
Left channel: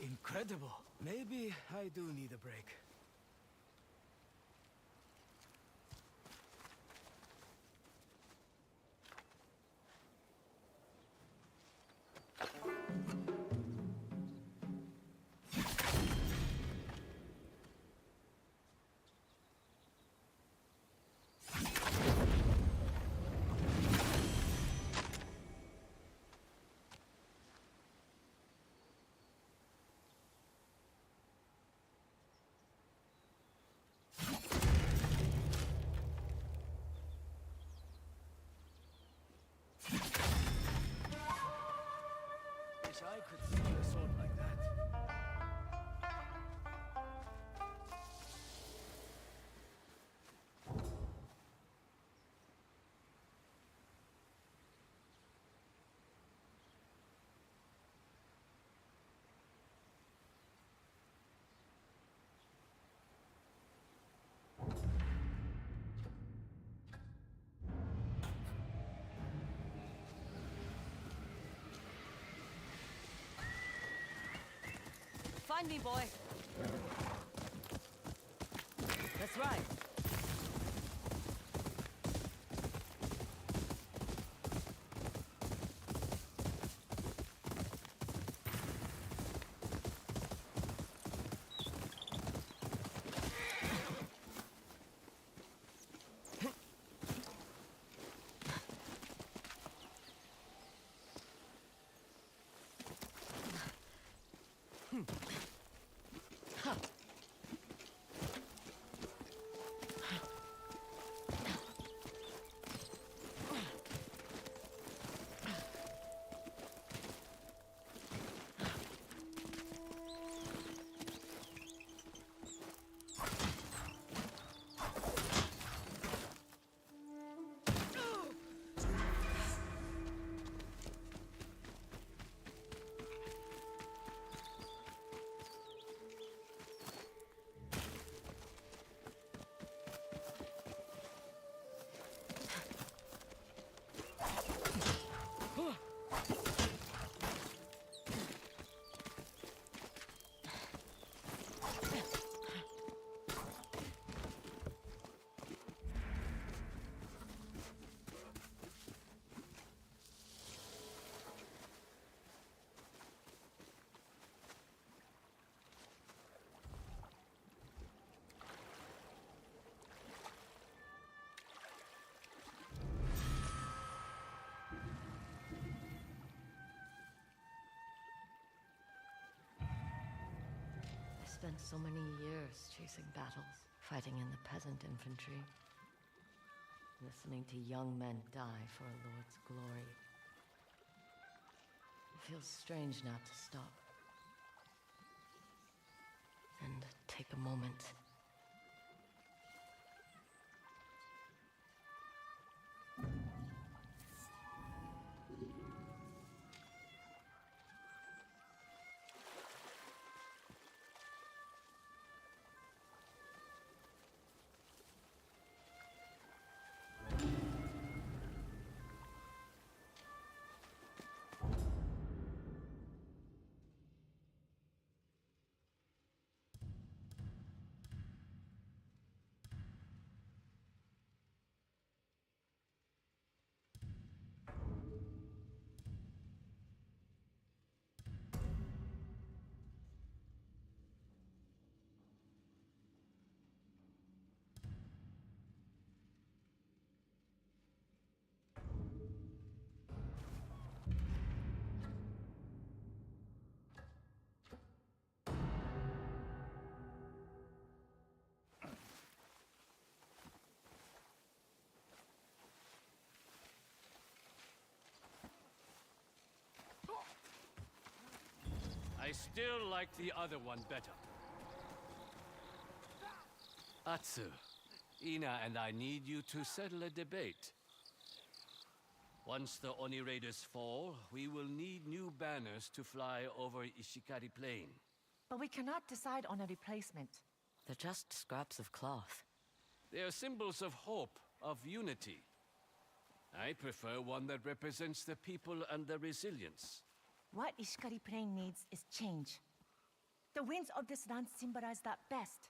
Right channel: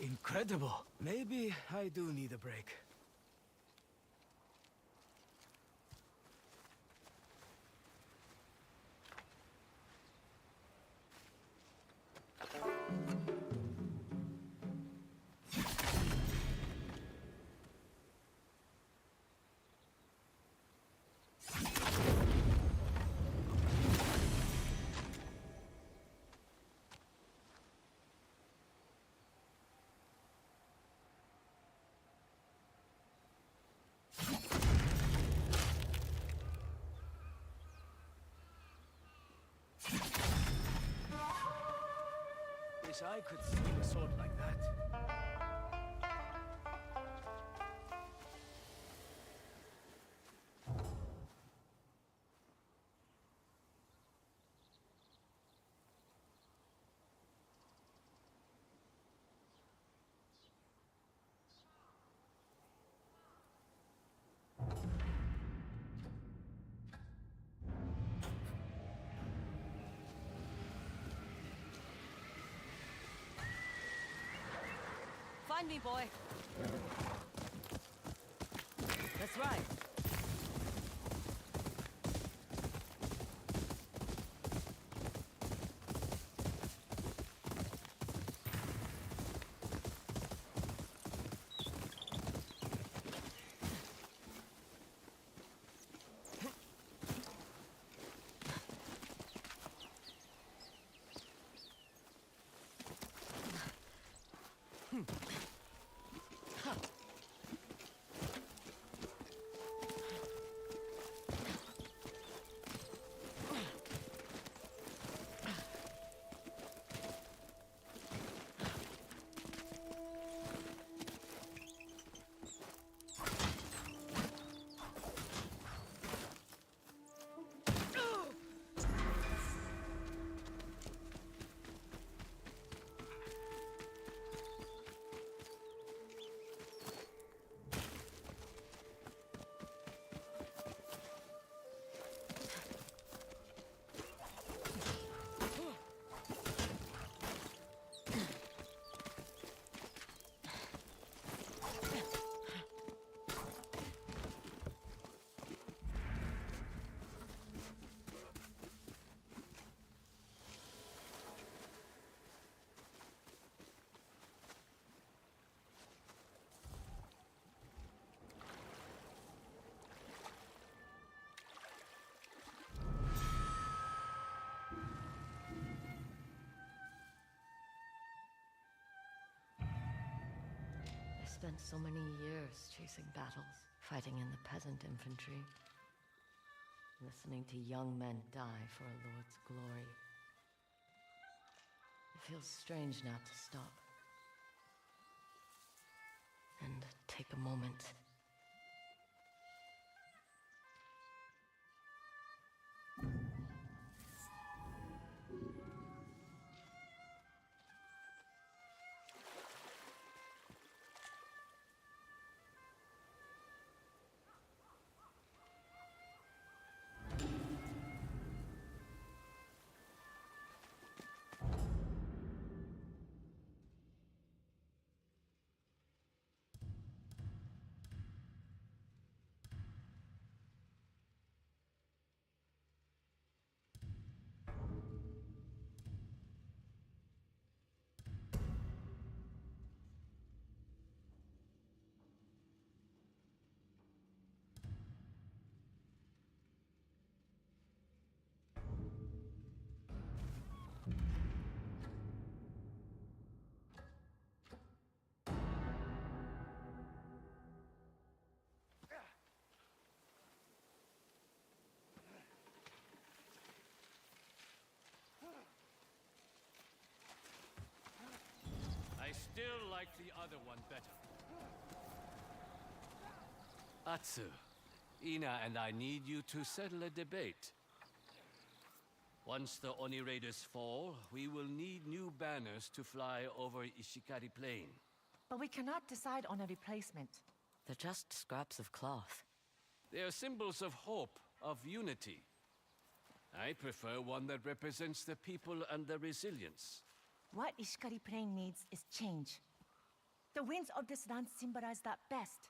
Incredible. Maybe I do need a break. Wish I could swing a sword like that. Find me, boy. That's right. spent so many years chasing battles, fighting in the peasant infantry, listening to young men die for a lord's glory. It feels strange now to stop and take a moment. I still like the other one better. Atsu, Ina and I need you to settle a debate. Once the Oni Raiders fall, we will need new banners to fly over Ishikari Plain. But we cannot decide on a replacement. They're just scraps of cloth. They are symbols of hope, of unity. I prefer one that represents the people and their resilience. What Ishikari Plain needs is change. The winds of this land symbolize that best.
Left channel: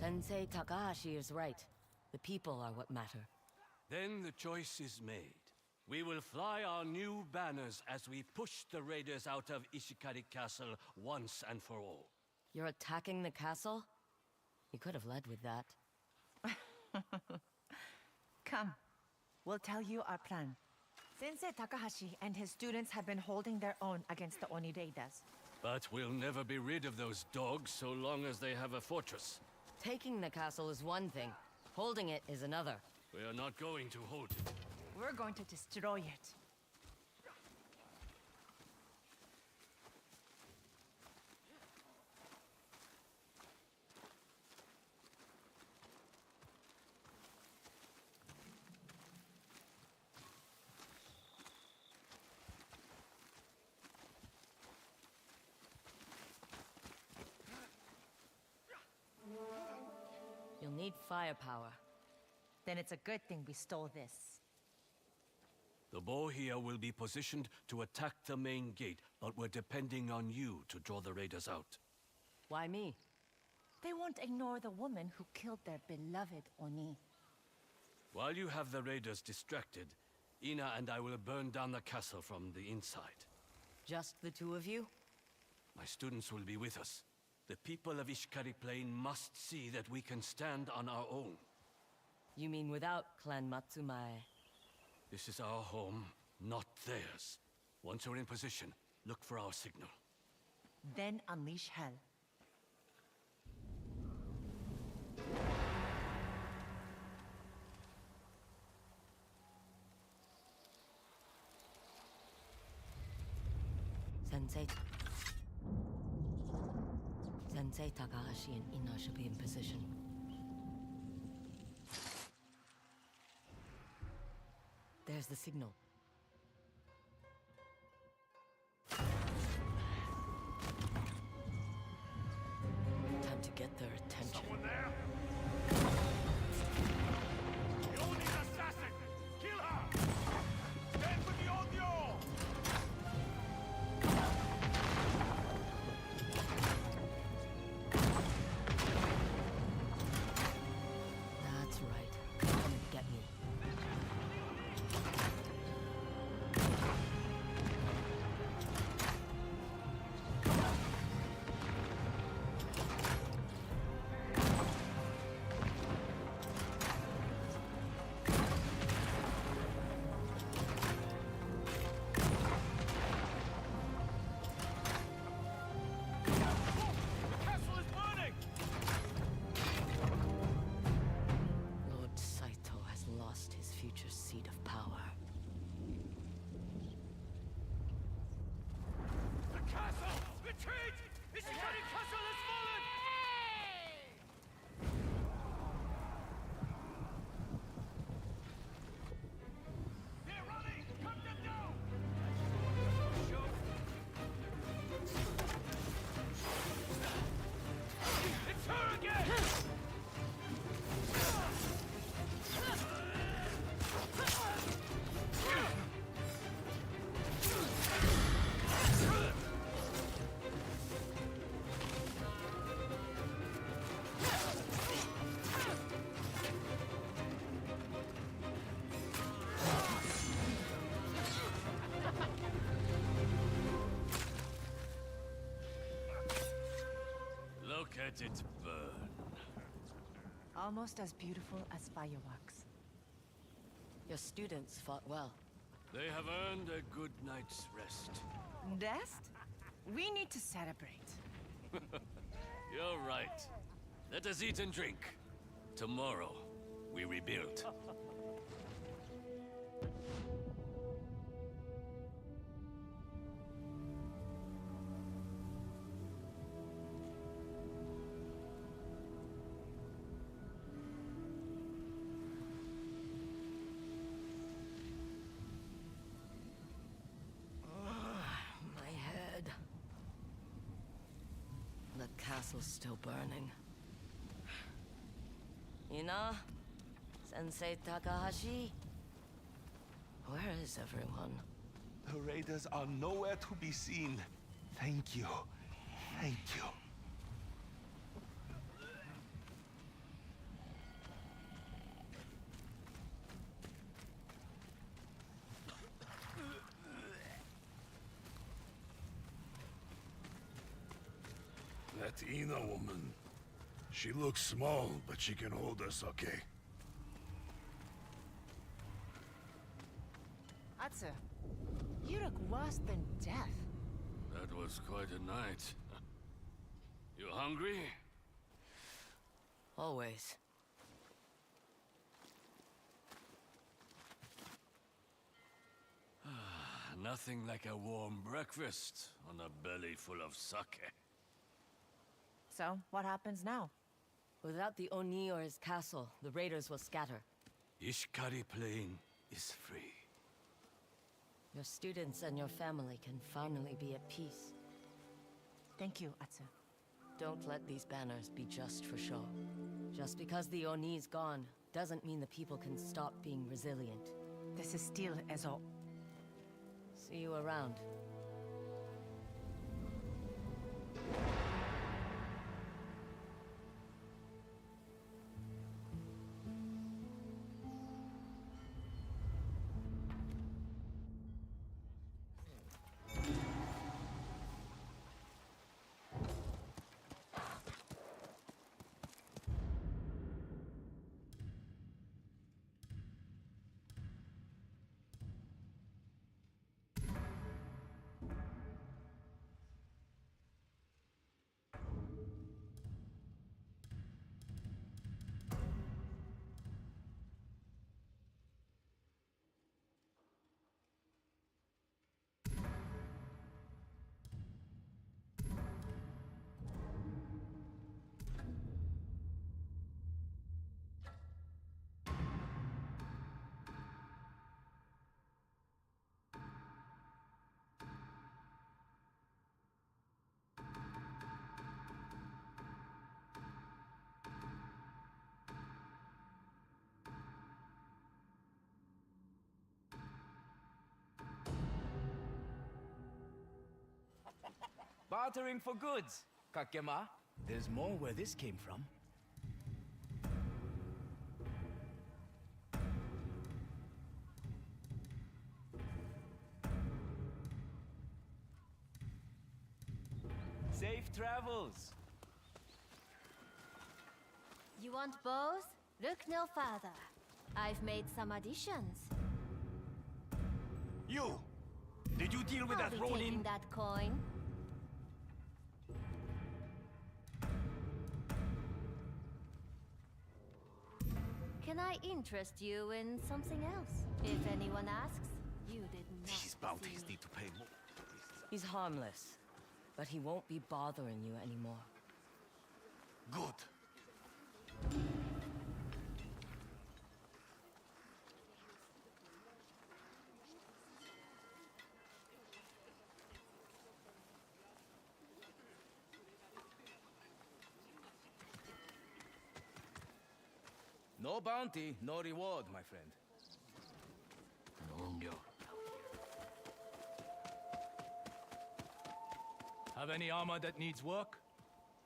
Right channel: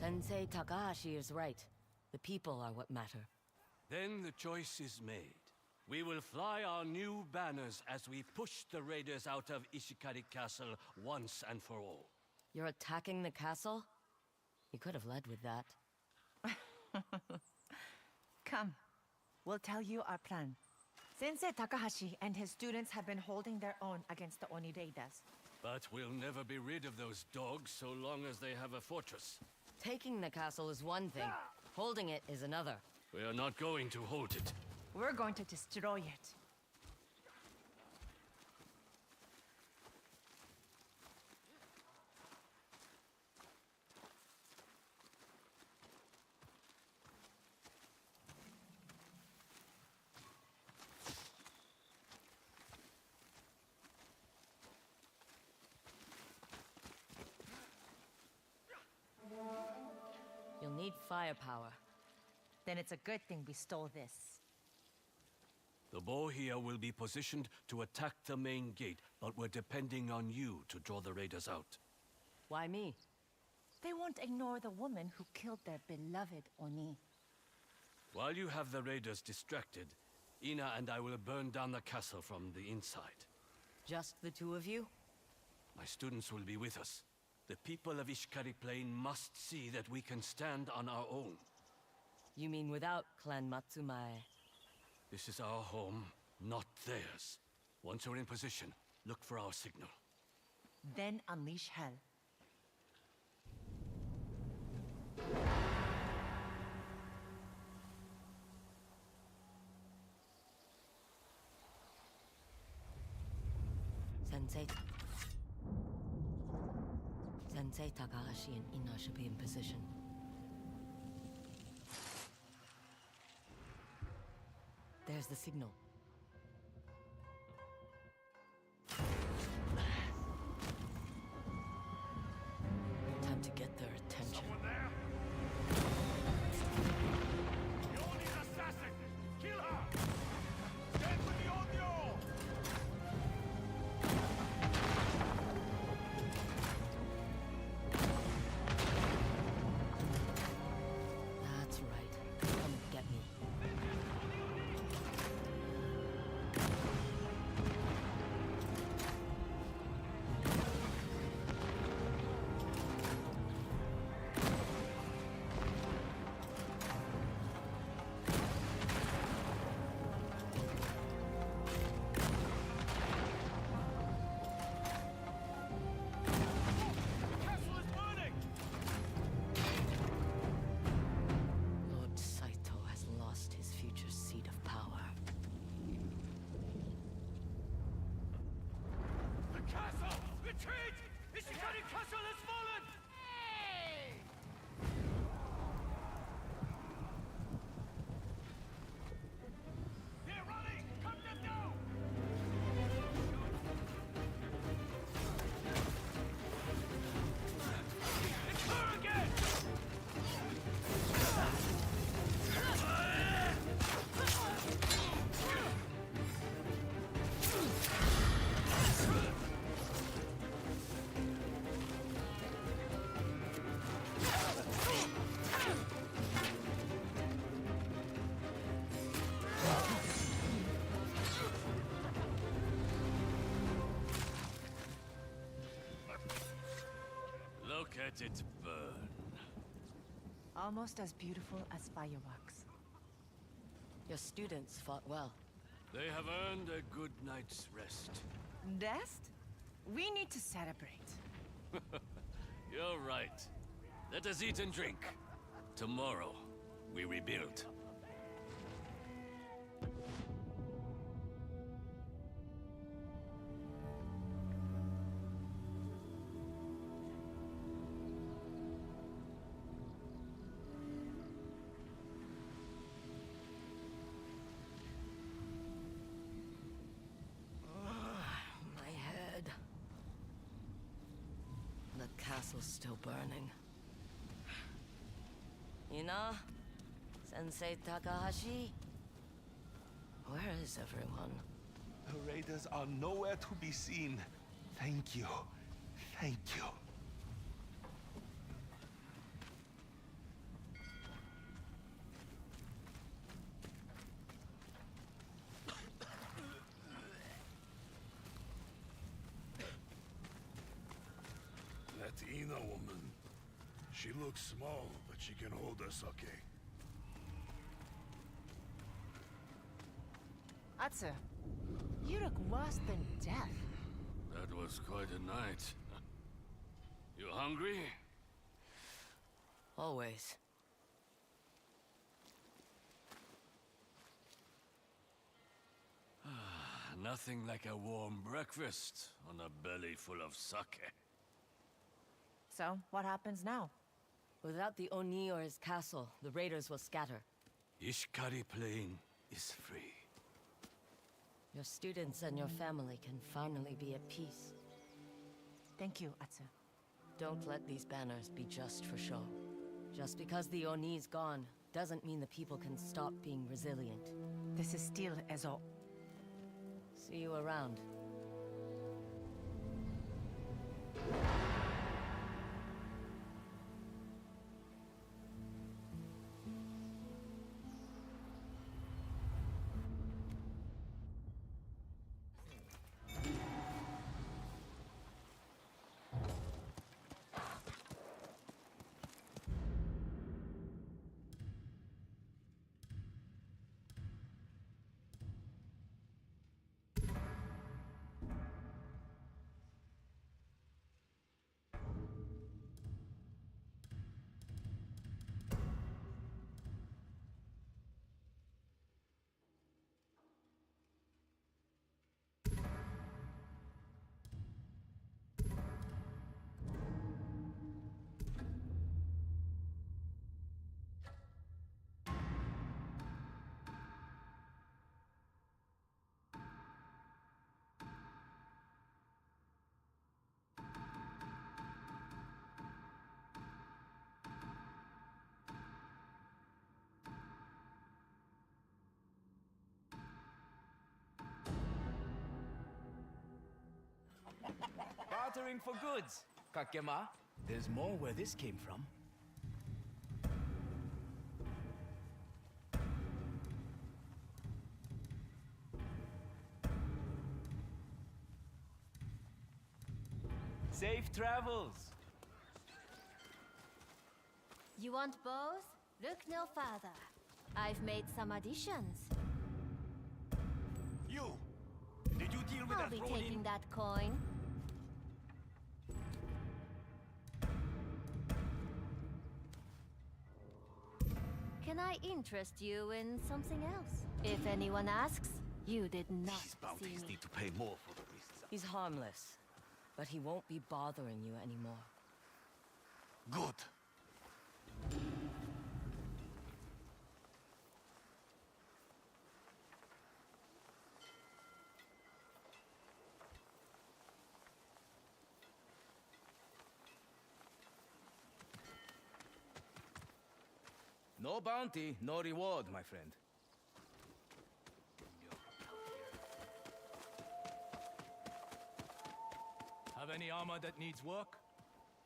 Sensei Takahashi is right. The people are what matter. Then the choice is made. We will fly our new banners as we push the raiders out of Ishikari Castle once and for all. You're attacking the castle? You could have led with that. Come, we'll tell you our plan. Sensei Takahashi and his students have been holding their own against the Oni Raiders. But we'll never be rid of those dogs so long as they have a fortress. Taking the castle is one thing. Holding it is another. We are not going to hold it. We're going to destroy it. You'll need firepower. Then it's a good thing we stole this. The Bohia will be positioned to attack the main gate, but we're depending on you to draw the raiders out. Why me? They won't ignore the woman who killed their beloved Oni. While you have the raiders distracted, Ina and I will burn down the castle from the inside. Just the two of you? My students will be with us. The people of Ishikari Plain must see that we can stand on our own. You mean without Clan Matsumae? This is our home, not theirs. Once we're in position, look for our signal. Then unleash hell. Sensei Takahashi and Ina should be in position. There's the signal. Time to get their attention. Someone there? The Oni's assassin! Kill her! Stand with the Onyo! That's right. Come and get me. Retreat! Ishikari Castle has fallen! They're running! Cut them down! It's her again! Look at it burn. Almost as beautiful as fireworks. Your students fought well. They have earned a good night's rest. Rest? We need to celebrate. You're right. Let us eat and drink. Tomorrow, we rebuild. My head. The castle's still burning. Ina? Sensei Takahashi? Where is everyone? The raiders are nowhere to be seen. Thank you. Thank you. That Ina woman. She looks small, but she can hold us okay. Atsu, you look worse than death. That was quite a night. You hungry? Always. Nothing like a warm breakfast on a belly full of sake. So, what happens now? Without the Oni or his castle, the raiders will scatter. Ishikari Plain is free. Your students and your family can finally be at peace. Thank you, Atsu. Don't let these banners be just for show. Just because the Oni's gone, doesn't mean the people can stop being resilient. This is still Ezo. See you around. Bartering for goods, Kakema. There's more where this came from. Safe travels. You want both? Look no further. I've made some additions. You! Did you deal with I'll that be taking Ronin? that coin. Can I interest you in something else? If anyone asks, you did not These bounties see me. need to pay more for the beasts. He's harmless. But he won't be bothering you anymore. Good. No bounty, no reward, my friend. Have any armor that needs work?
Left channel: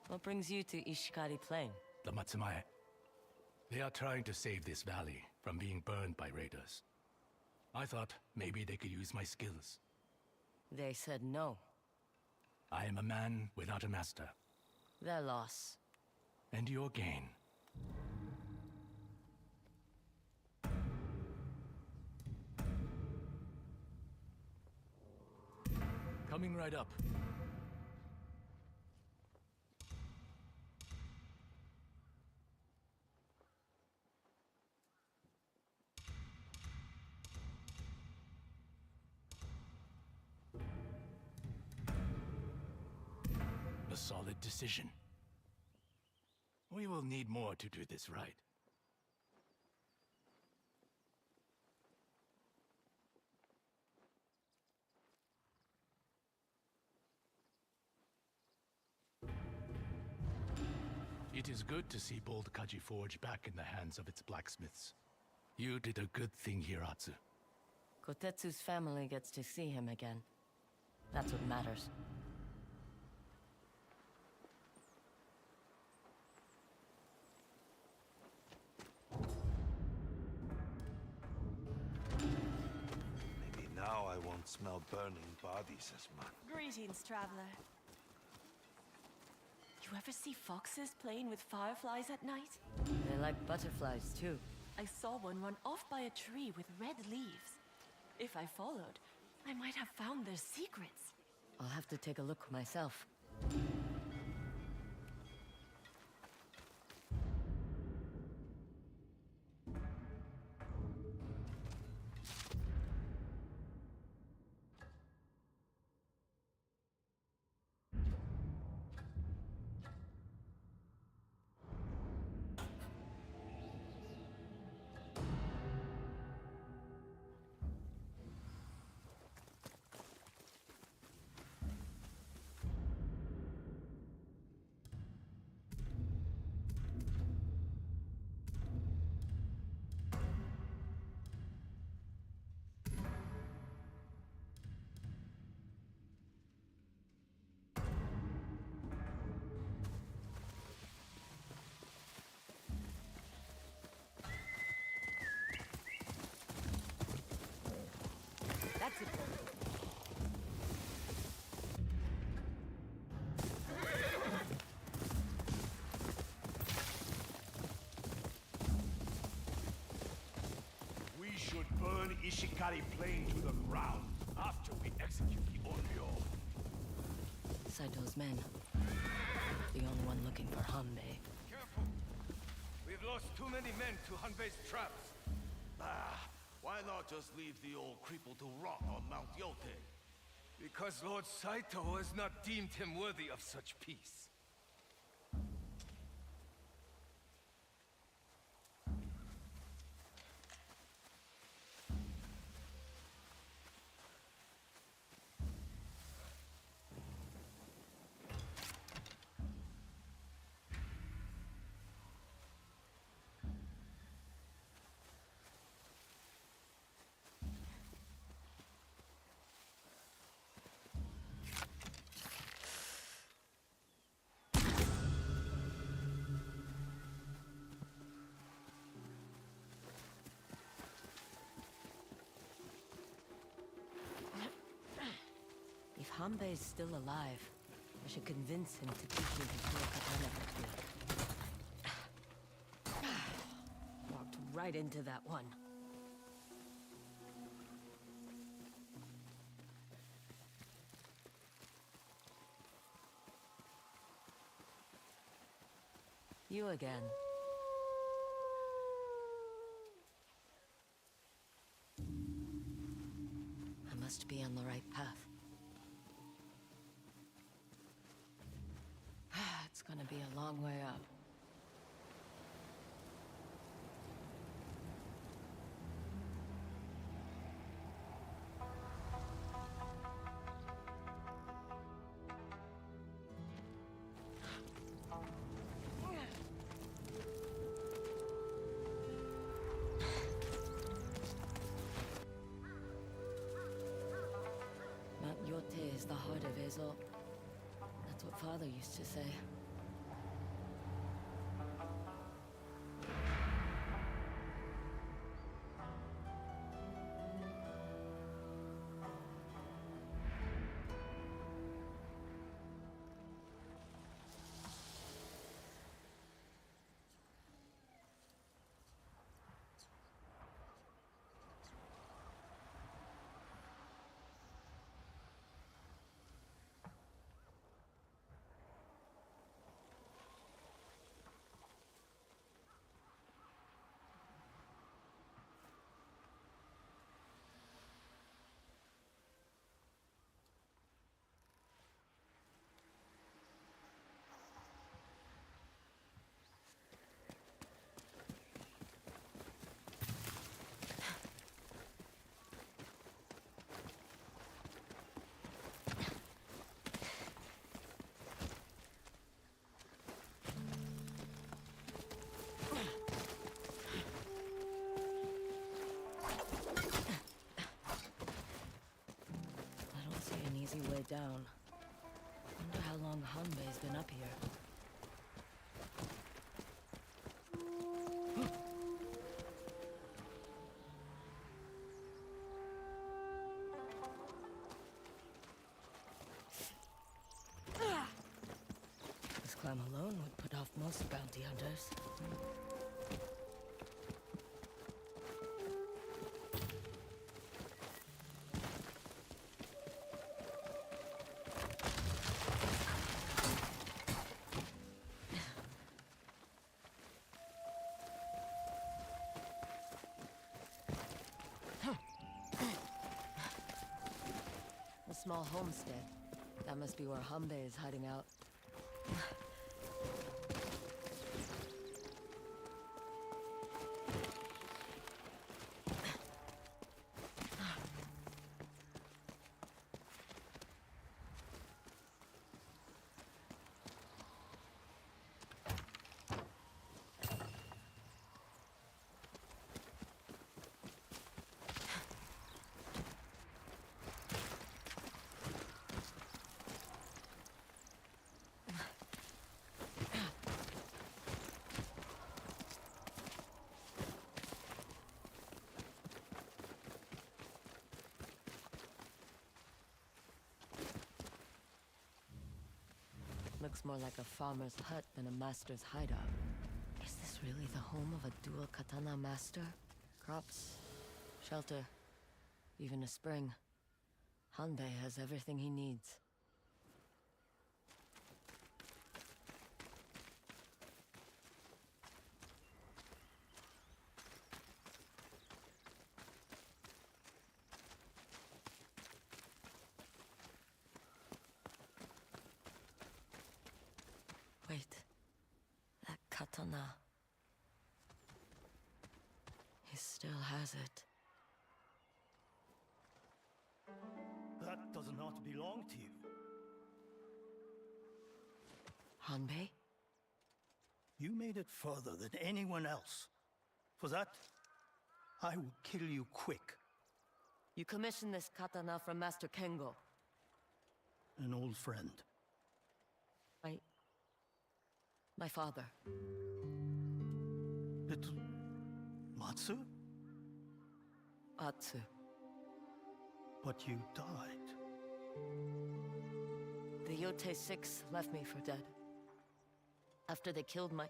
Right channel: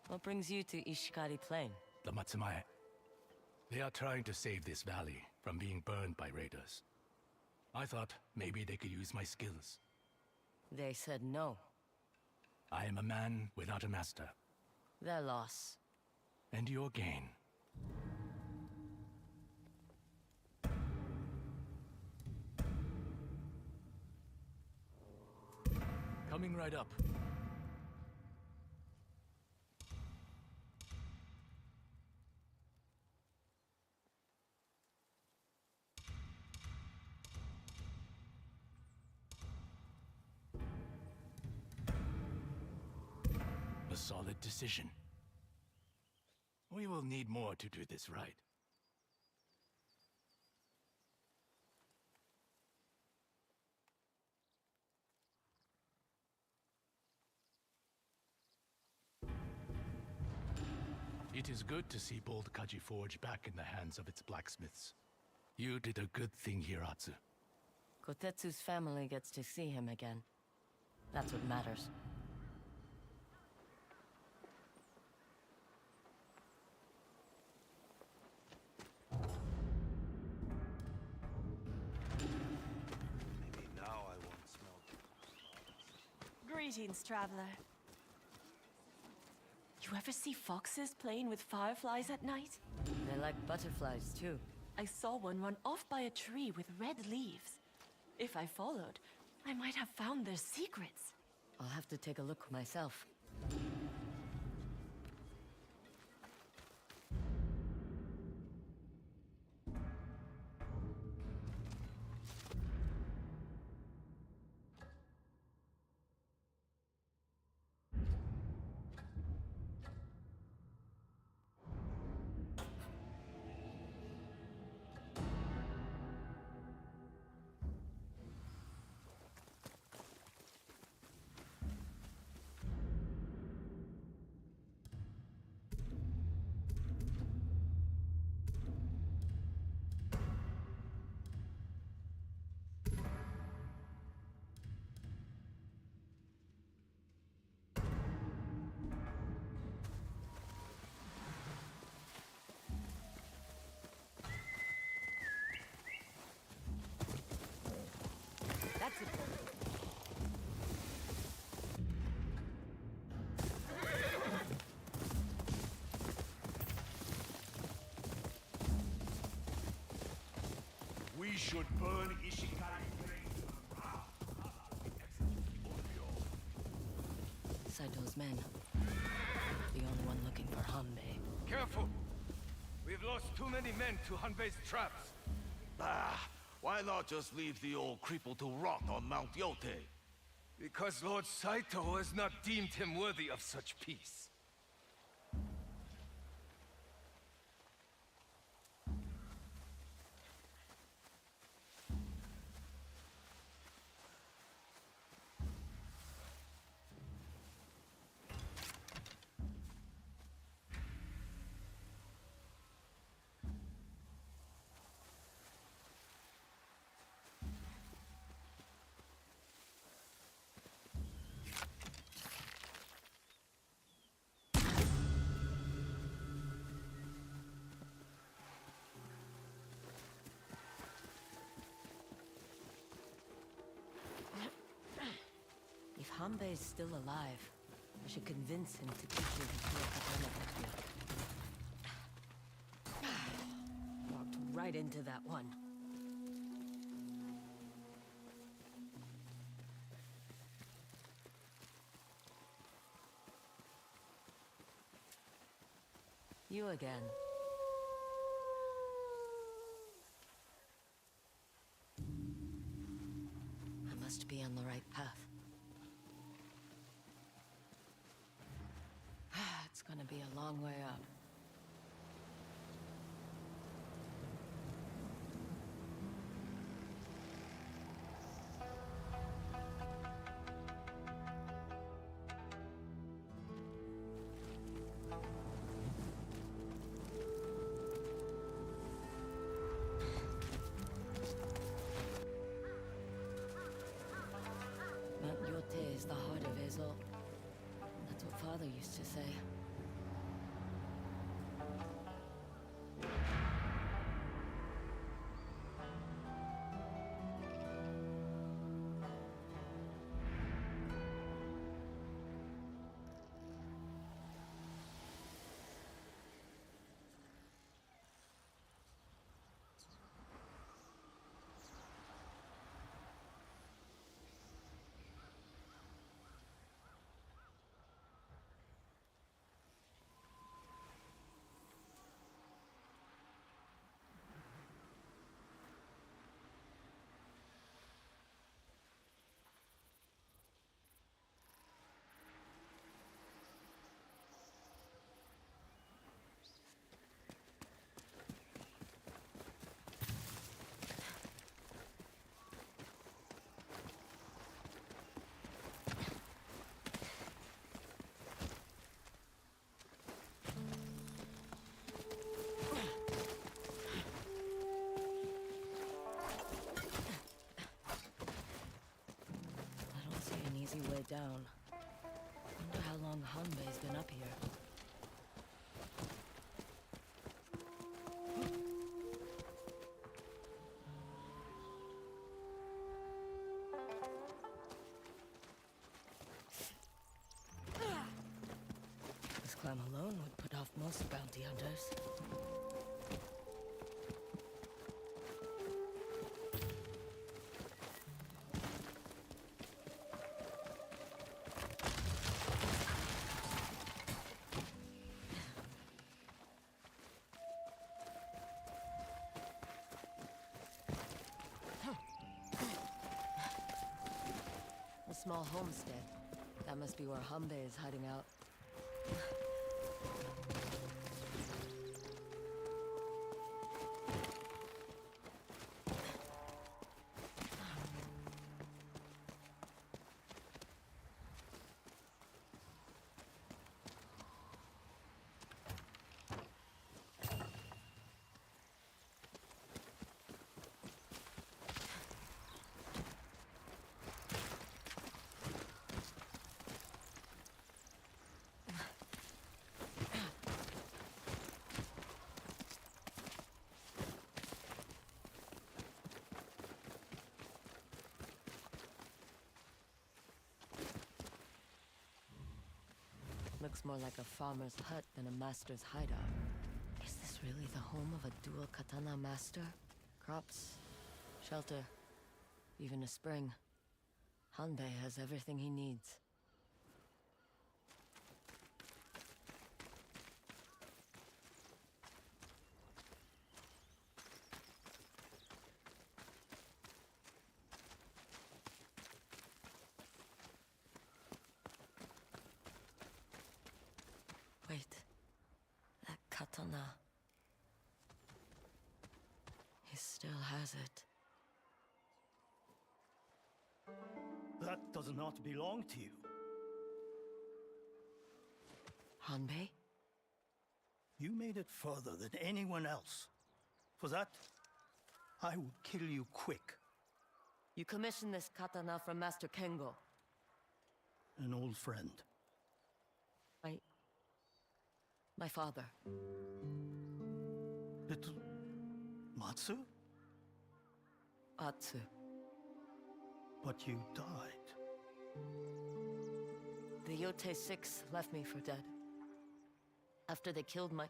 What brings you to Ishikari Plain? The Matsumae. They are trying to save this valley from being burned by raiders. I thought maybe they could use my skills. They said no. I am a man without a master. Their loss. And your gain. Coming right up. A solid decision. We will need more to do this right. It is good to see Bold Kaji Forge back in the hands of its blacksmiths. You did a good thing, Hiratsu. Kotetsu's family gets to see him again. That's what matters. Maybe now I won't smell burning bodies as much. Greetings, traveler. You ever see foxes playing with fireflies at night? They like butterflies, too. I saw one run off by a tree with red leaves. If I followed, I might have found their secrets. I'll have to take a look myself. That's it. We should burn Ishikari Plain to the ground after we execute the Onryo. Saito's men. The only one looking for Hanbei. Careful! We've lost too many men to Hanbei's traps. Why not just leave the old cripple to rot on Mount Yotei? Because Lord Saito has not deemed him worthy of such peace. If Hanbei's still alive, I should convince him to teach me his katana technique. Walked right into that one. You again. I must be on the right path. Gonna be a long way up. Mount Yotei is the heart of Ezo. That's what Father used to say. I don't see an easy way down. Wonder how long Hanbei's been up here. This climb alone would put off most bounty hunters. A small homestead. That must be where Hanbei is hiding out. Looks more like a farmer's hut than a master's hideout. Is this really the home of a dual katana master? Crops, shelter, even a spring. Hanbei has everything he needs. Wait, that katana. He still has it. That does not belong to you. Hanbei? You made it further than anyone else. For that, I will kill you quick. You commissioned this katana from Master Kengo. An old friend. My father. Little Matsu? Atsu. But you died. The Yotei 6 left me for dead. After they killed my...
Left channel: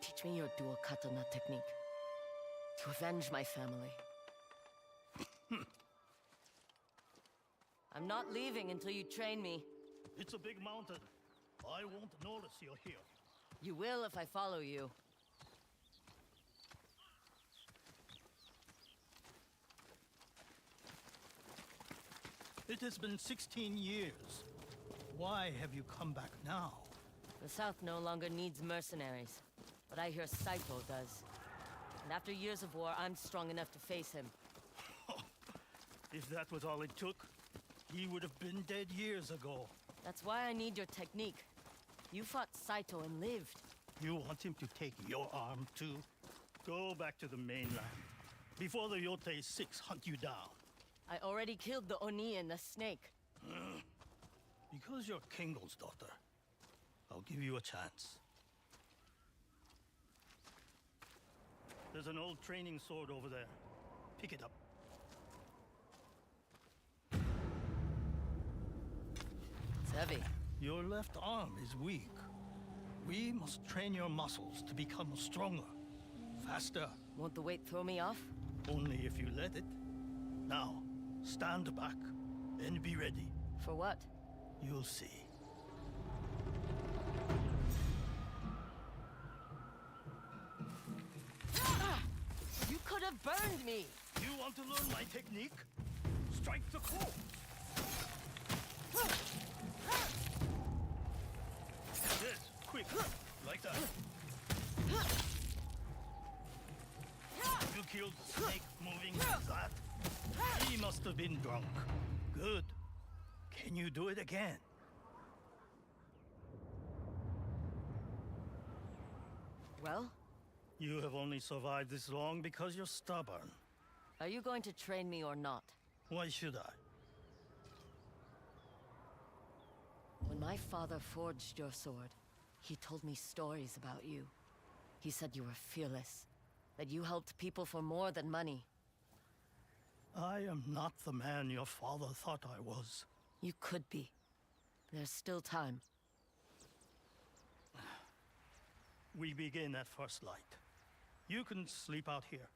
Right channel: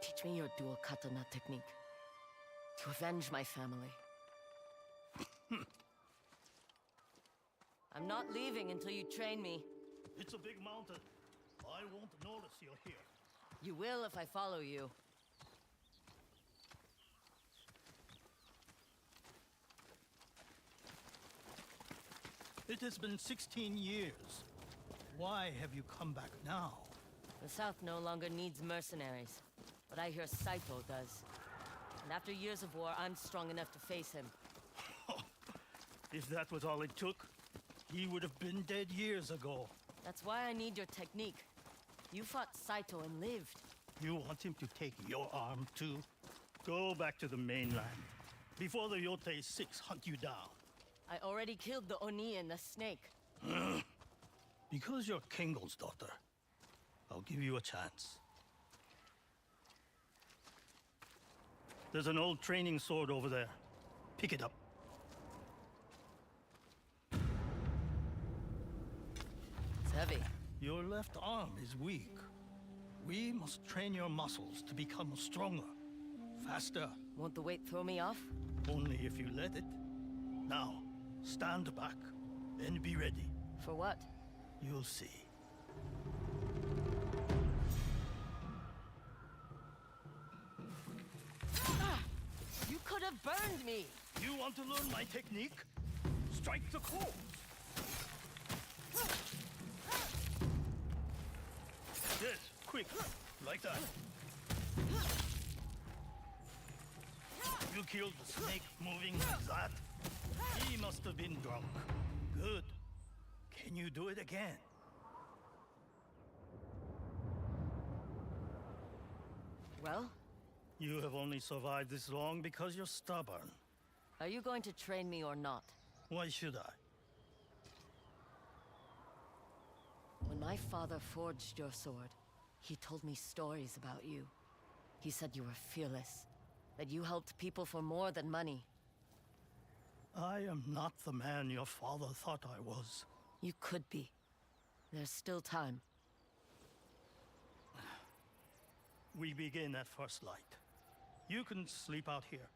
Teach me your dual katana technique. To avenge my family. I'm not leaving until you train me. It's a big mountain. I won't notice you're here. You will if I follow you. It has been 16 years. Why have you come back now? The South no longer needs mercenaries, but I hear Saito does. And after years of war, I'm strong enough to face him. If that was all it took, he would have been dead years ago. That's why I need your technique. You fought Saito and lived. You want him to take your arm, too? Go back to the mainland, before the Yotei 6 hunt you down. I already killed the Oni and the snake. Because you're Kingle's daughter, I'll give you a chance. There's an old training sword over there. Pick it up. It's heavy. Your left arm is weak. We must train your muscles to become stronger, faster. Won't the weight throw me off? Only if you let it. Now, stand back and be ready. For what? You'll see. You could have burned me! You want to learn my technique? Strike the core! Yes, quick, like that. You killed the snake moving like that? He must have been drunk. Good. Can you do it again? Well? You have only survived this long because you're stubborn. Are you going to train me or not? Why should I? When my father forged your sword, he told me stories about you. He said you were fearless, that you helped people for more than money. I am not the man your father thought I was. You could be. There's still time. We begin at first light. You can sleep out here.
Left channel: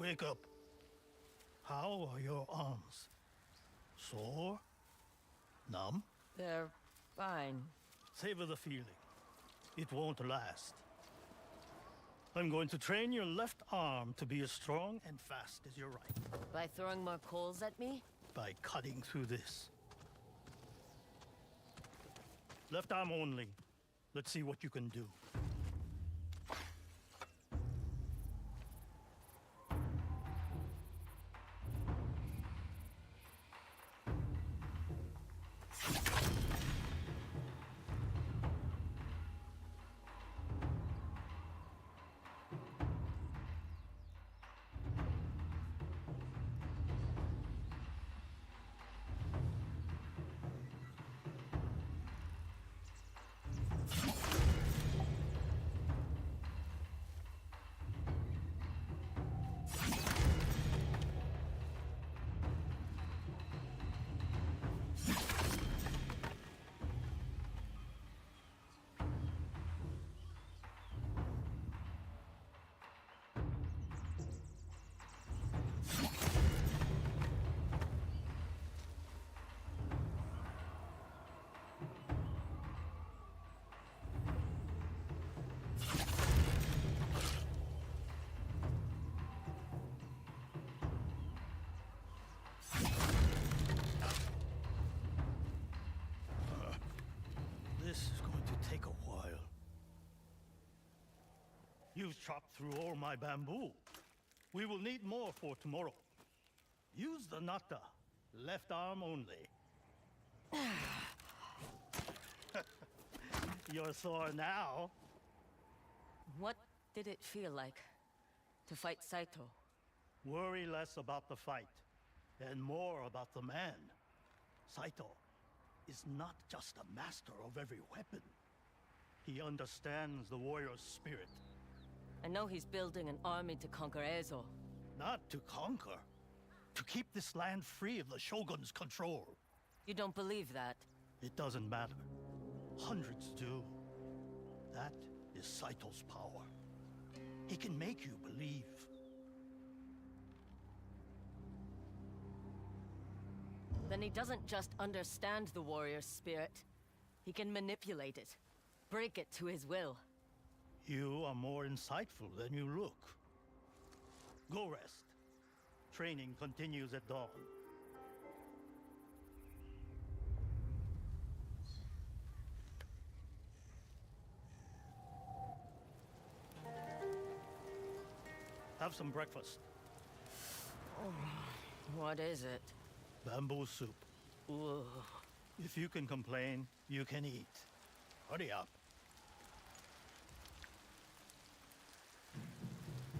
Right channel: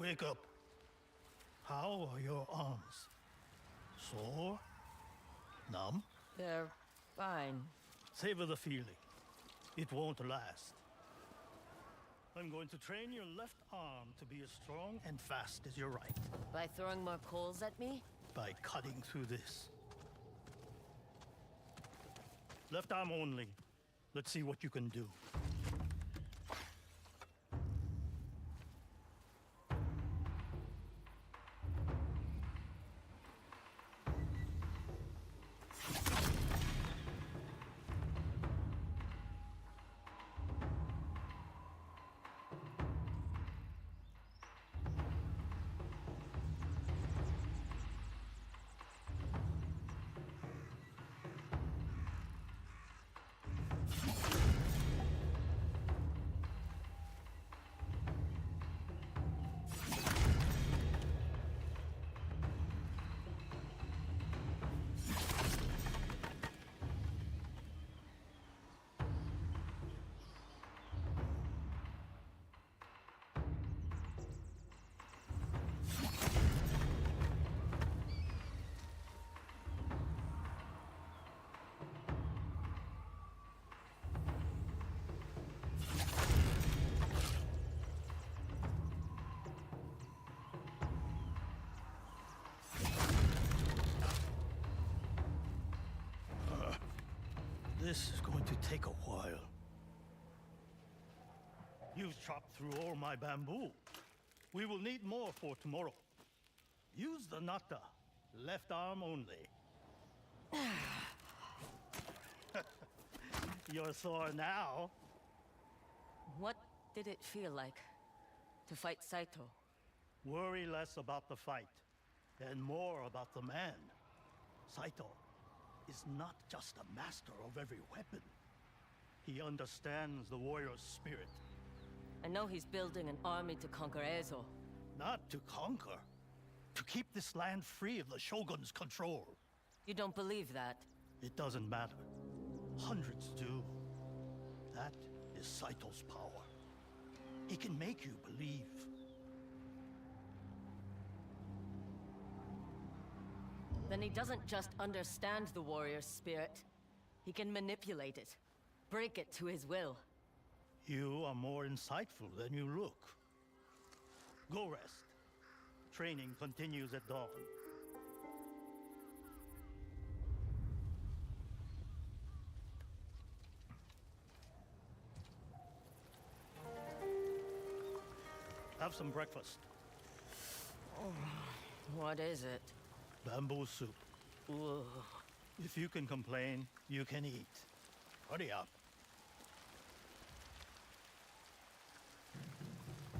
Wake up. How are your arms? Sore? Numb? They're fine. Savor the feeling. It won't last. I'm going to train your left arm to be as strong and fast as your right. By throwing more coals at me? By cutting through this. Left arm only. Let's see what you can do. This is going to take a while. You've chopped through all my bamboo. We will need more for tomorrow. Use the nata. Left arm only. You're sore now. What did it feel like to fight Saito? Worry less about the fight and more about the man. Saito is not just a master of every weapon. He understands the warrior's spirit. I know he's building an army to conquer Ezo. Not to conquer. To keep this land free of the Shogun's control. You don't believe that? It doesn't matter. Hundreds do. That is Saito's power. He can make you believe. Then he doesn't just understand the warrior's spirit. He can manipulate it. Break it to his will. You are more insightful than you look. Go rest. Training continues at dawn. Have some breakfast. What is it? Bamboo soup. Ugh. If you can complain, you can eat. Hurry up.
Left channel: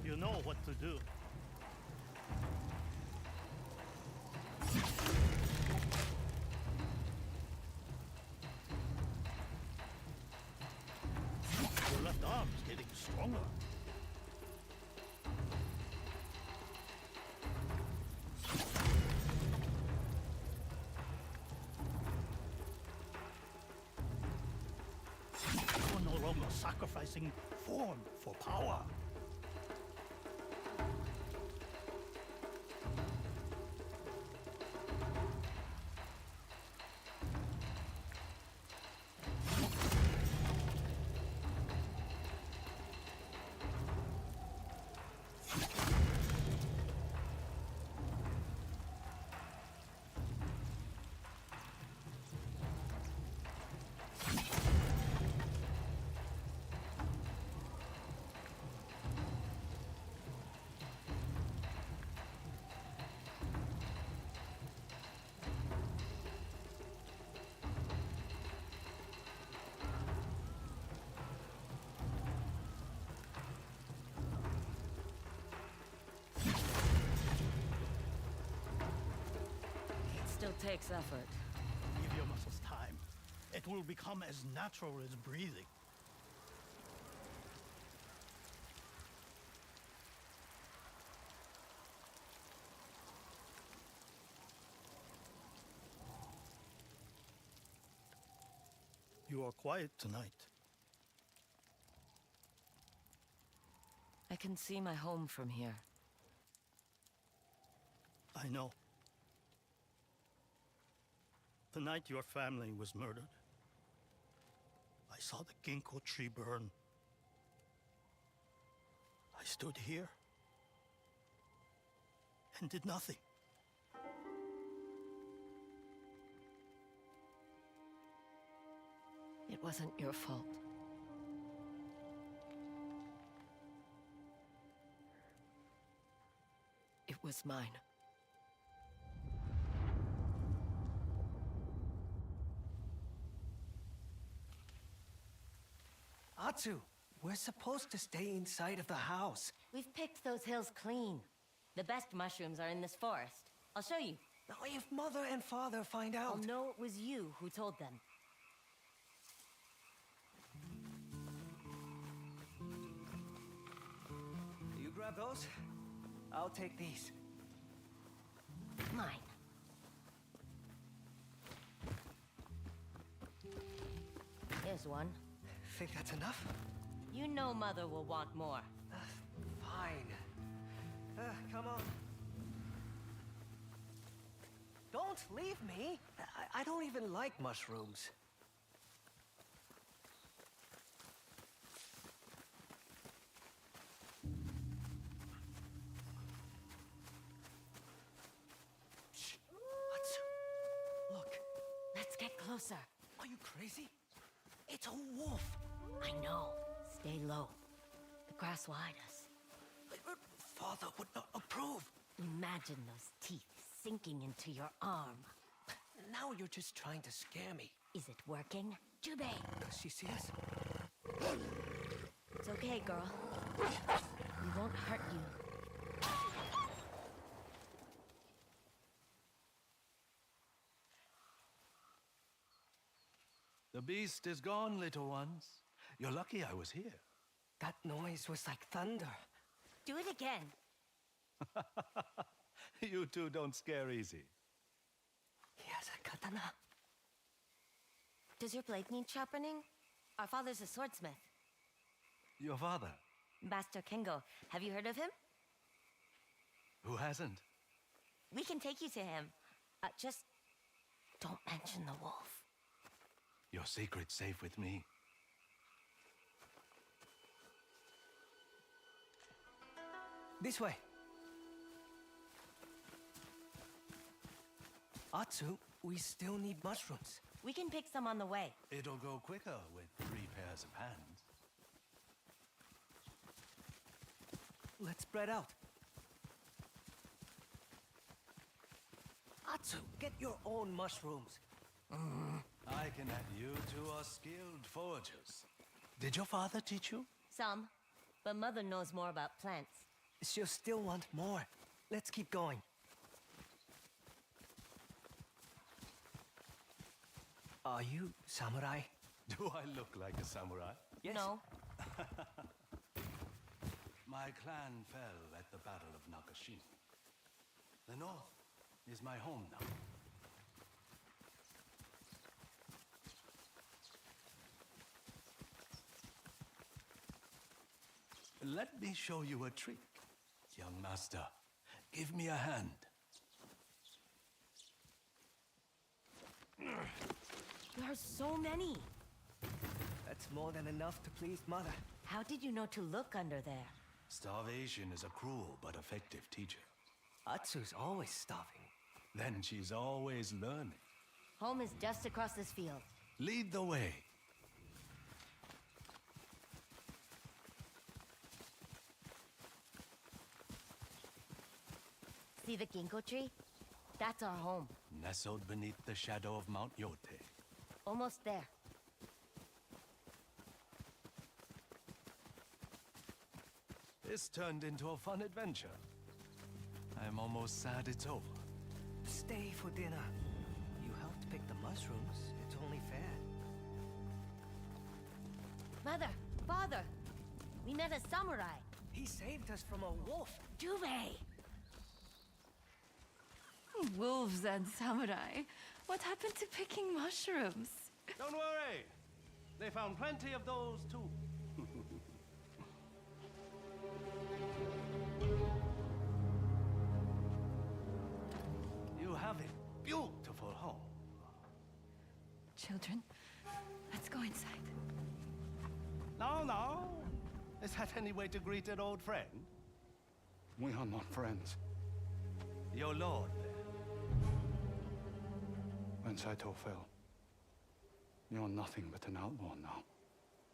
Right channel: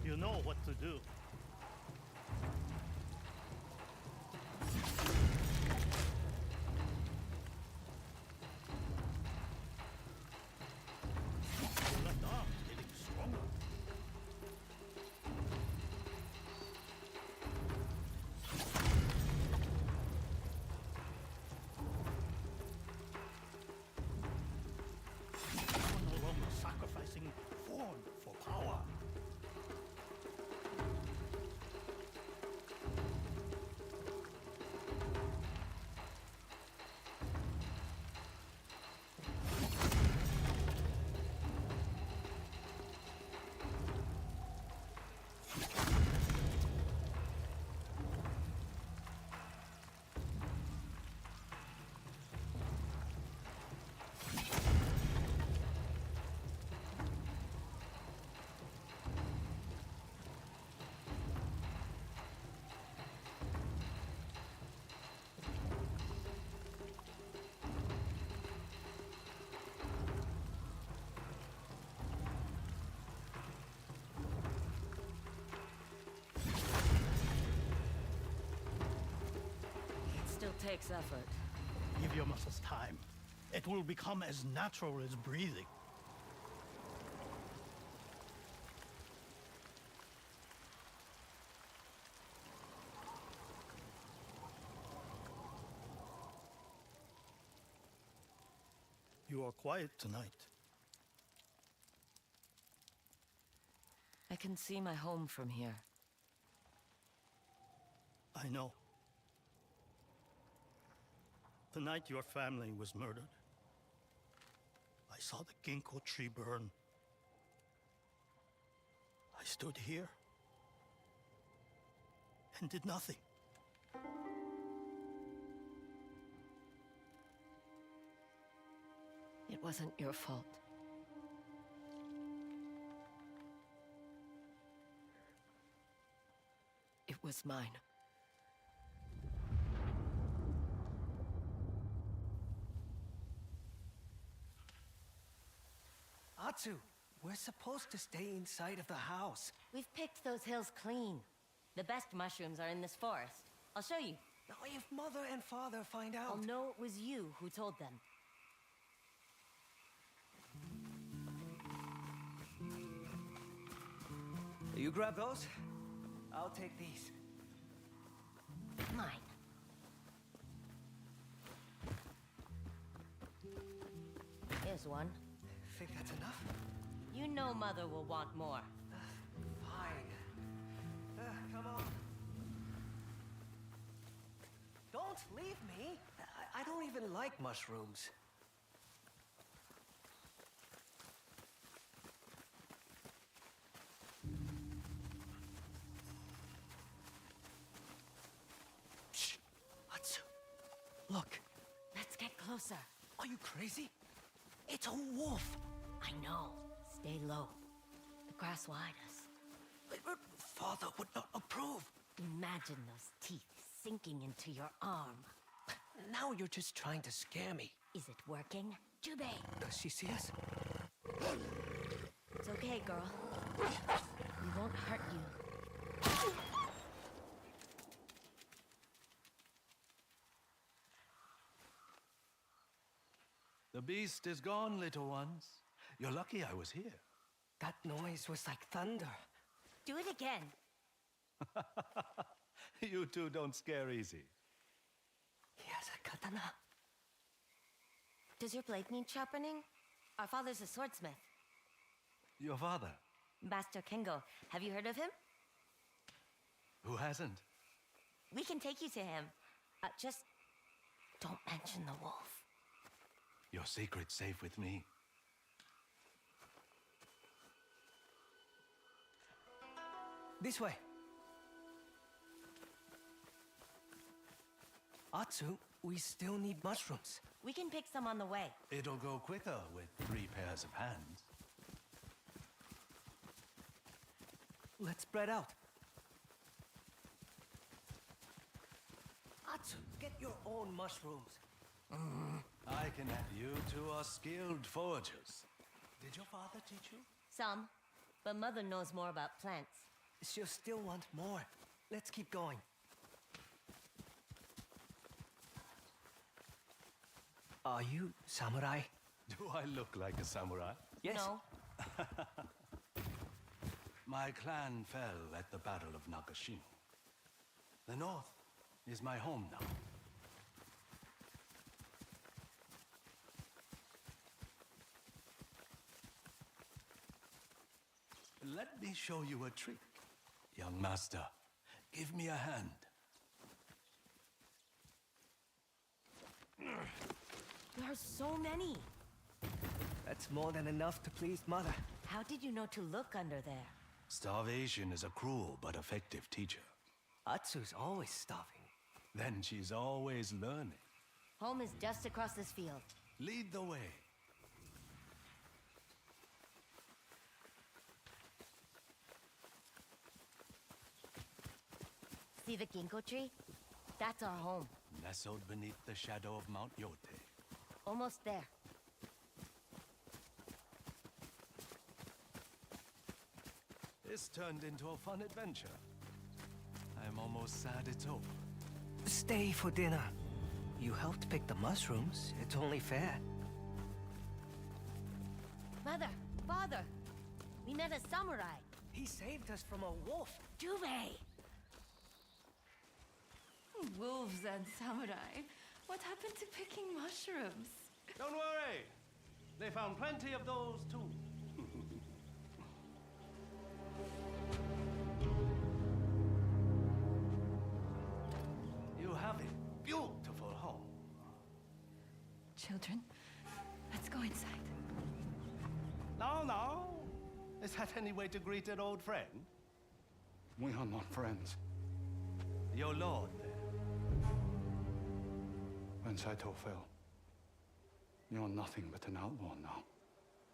You know what to do. Your left arm's getting stronger. You're no longer sacrificing form for power. Still takes effort. Give your muscles time. It will become as natural as breathing. You are quiet tonight. I can see my home from here. I know. The night your family was murdered, I saw the ginkgo tree burn. I stood here and did nothing. It wasn't your fault. It was mine. Atsu, we're supposed to stay inside of the house. We've picked those hills clean. The best mushrooms are in this forest. I'll show you. Now, if Mother and Father find out... I'll know it was you who told them. You grab those? I'll take these. Mine. Here's one. Think that's enough? You know Mother will want more. Fine. Come on. Don't leave me. I don't even like mushrooms. Shh. Atsu. Look. Let's get closer. Are you crazy? It's a wolf. I know. Stay low. The grass will hide us. But Father would not approve. Imagine those teeth sinking into your arm. Now you're just trying to scare me. Is it working? Jubei! Does she see us? It's okay, girl. We won't hurt you. The beast is gone, little ones. You're lucky I was here. That noise was like thunder. Do it again. You two don't scare easy. He has a katana. Does your blade need sharpening? Our father's a swordsmith. Your father? Master Kengo. Have you heard of him? Who hasn't? We can take you to him. Just don't mention the wolf. Your secret's safe with me. This way. Atsu, we still need mushrooms. We can pick some on the way. It'll go quicker with 3 pairs of hands. Let's spread out. Atsu, get your own mushrooms. I can add you two are skilled foragers. Did your father teach you? Some, but Mother knows more about plants. She'll still want more. Let's keep going. Are you samurai? Do I look like a samurai? Yes. No. My clan fell at the Battle of Nakashima. The North is my home now. Let me show you a trick. Young master, give me a hand. There are so many. That's more than enough to please Mother. How did you know to look under there? Starvation is a cruel but effective teacher. Atsu's always starving. Then she's always learning. Home is just across this field. Lead the way. See the ginkgo tree? That's our home. Nestled beneath the shadow of Mount Yotei. Almost there. This turned into a fun adventure. I'm almost sad it's over. Stay for dinner. You helped pick the mushrooms. It's only fair. Mother, father, we met a samurai. He saved us from a wolf. Yotei! Wolves and samurai. What happened to picking mushrooms? Don't worry. They found plenty of those too. You have a beautiful home. Children, let's go inside. No, no. Is that any way to greet an old friend? We are not friends. Your lord, then. When Saito fell, you're nothing but an outlaw now.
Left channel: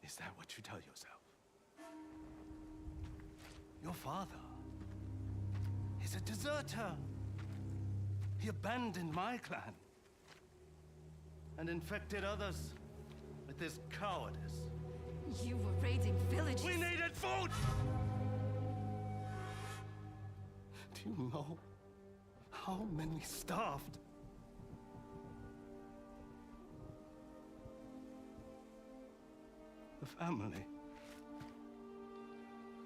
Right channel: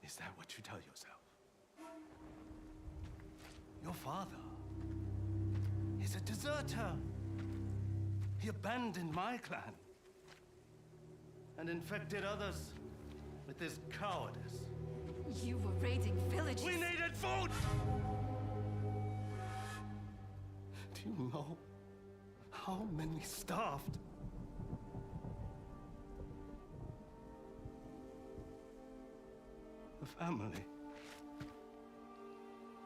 Is that what you tell yourself? Your father is a deserter. He abandoned my clan and infected others with his cowardice. You were raiding villages. We needed food! Do you know how many starved? The family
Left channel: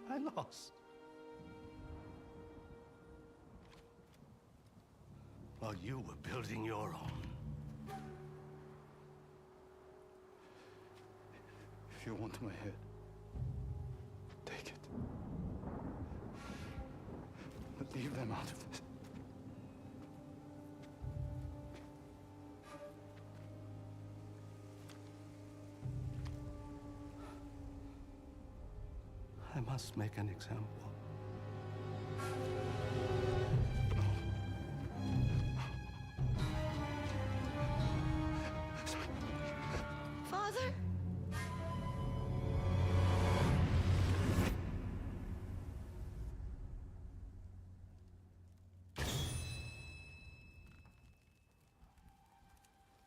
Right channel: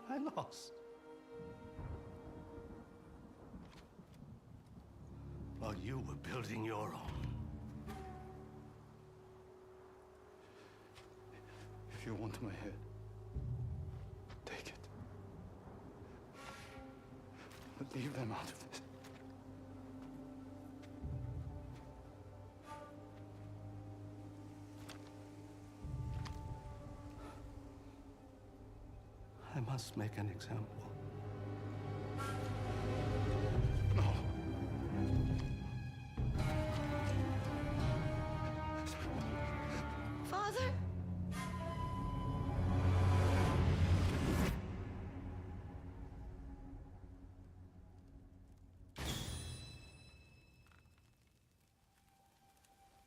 I lost. While you were building your own. If you want my head, take it. But leave them out of this. I must make an example. No. Father?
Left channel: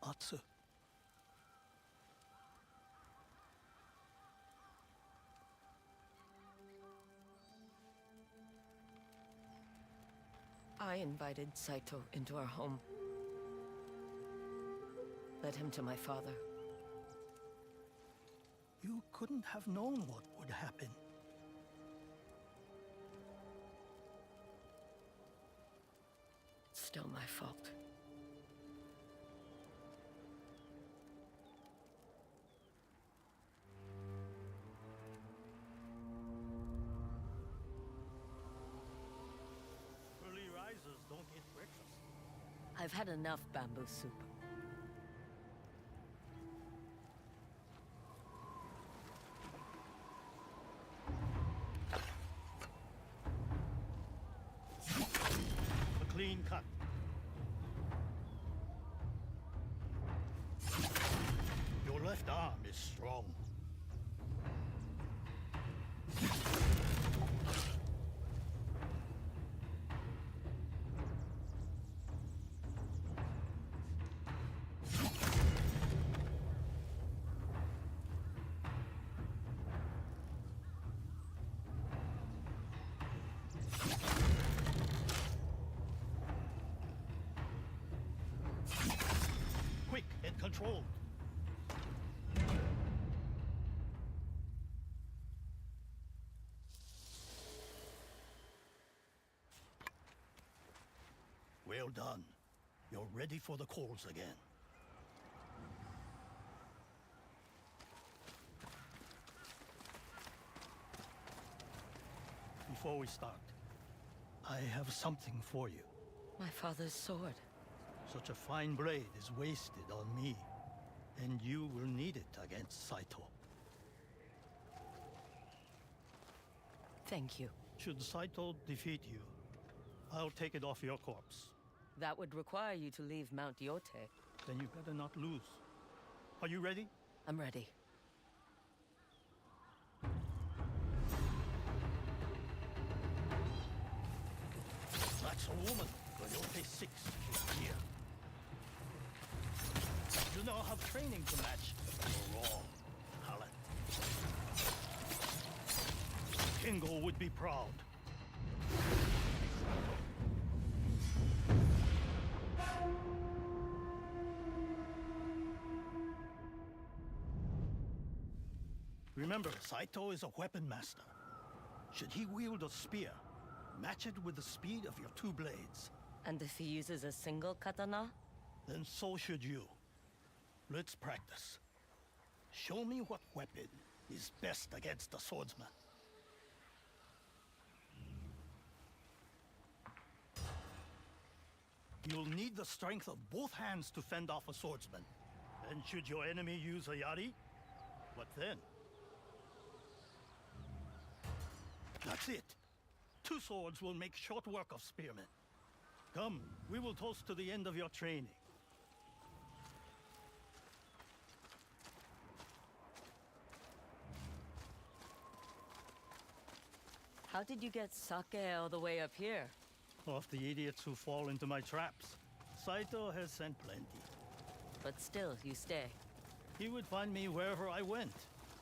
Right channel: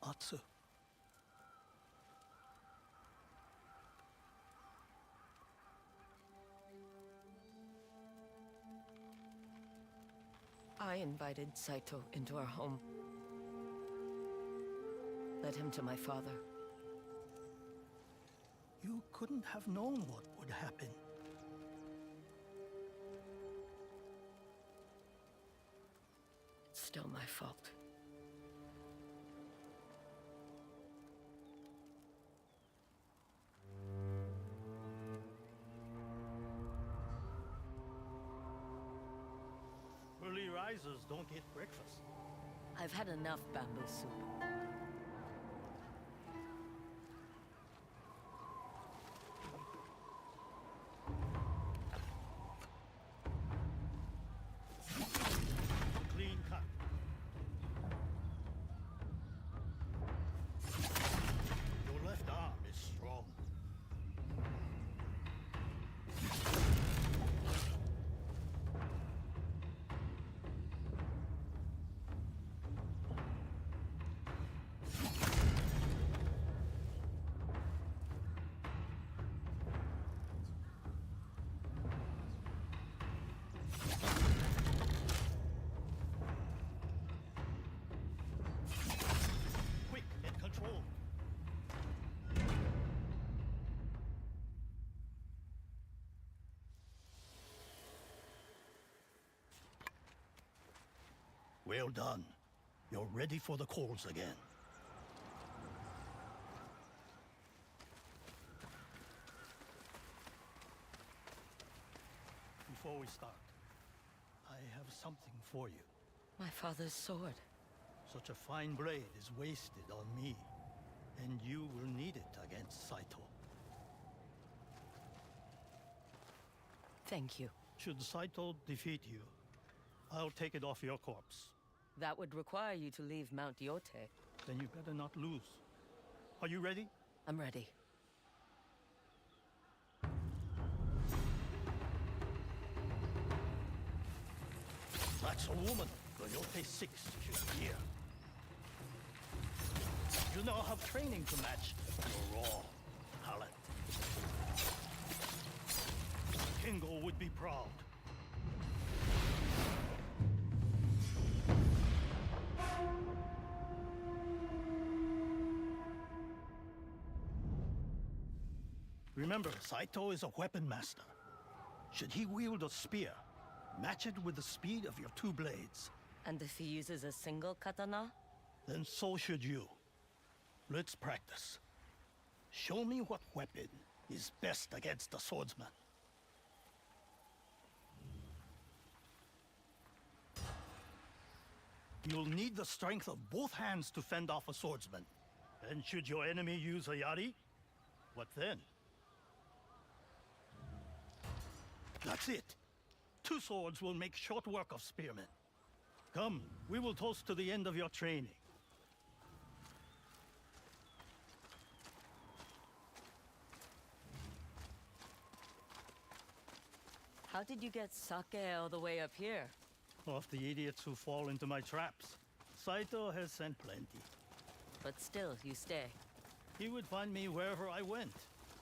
Atsu. I invited Saito into our home. Led him to my father. You couldn't have known what would happen. It's still my fault. Early risers don't get breakfast. I've had enough bamboo soup. clean cut. Your left arm is strong. Quick and controlled. Well done. You're ready for the calls again. Before we start, I have something for you. My father's sword. Such a fine blade is wasted on me, and you will need it against Saito. Thank you. Should Saito defeat you, I'll take it off your corpse. That would require you to leave Mount Yotei. Then you better not lose. Are you ready? I'm ready. That's a woman. The Yotei 6 is here. You now have training to match your raw talent. Kingo would be proud. Remember, Saito is a weapon master. Should he wield a spear, match it with the speed of your two blades. And if he uses a single katana? Then so should you. Let's practice. Show me what weapon is best against a swordsman. You'll need the strength of both hands to fend off a swordsman. And should your enemy use a yari, what then? That's it. Two swords will make short work of spearmen. Come, we will toast to the end of your training. How did you get sake all the way up here? Off the idiots who fall into my traps. Saito has sent plenty. But still, you stay. He would find me wherever I went.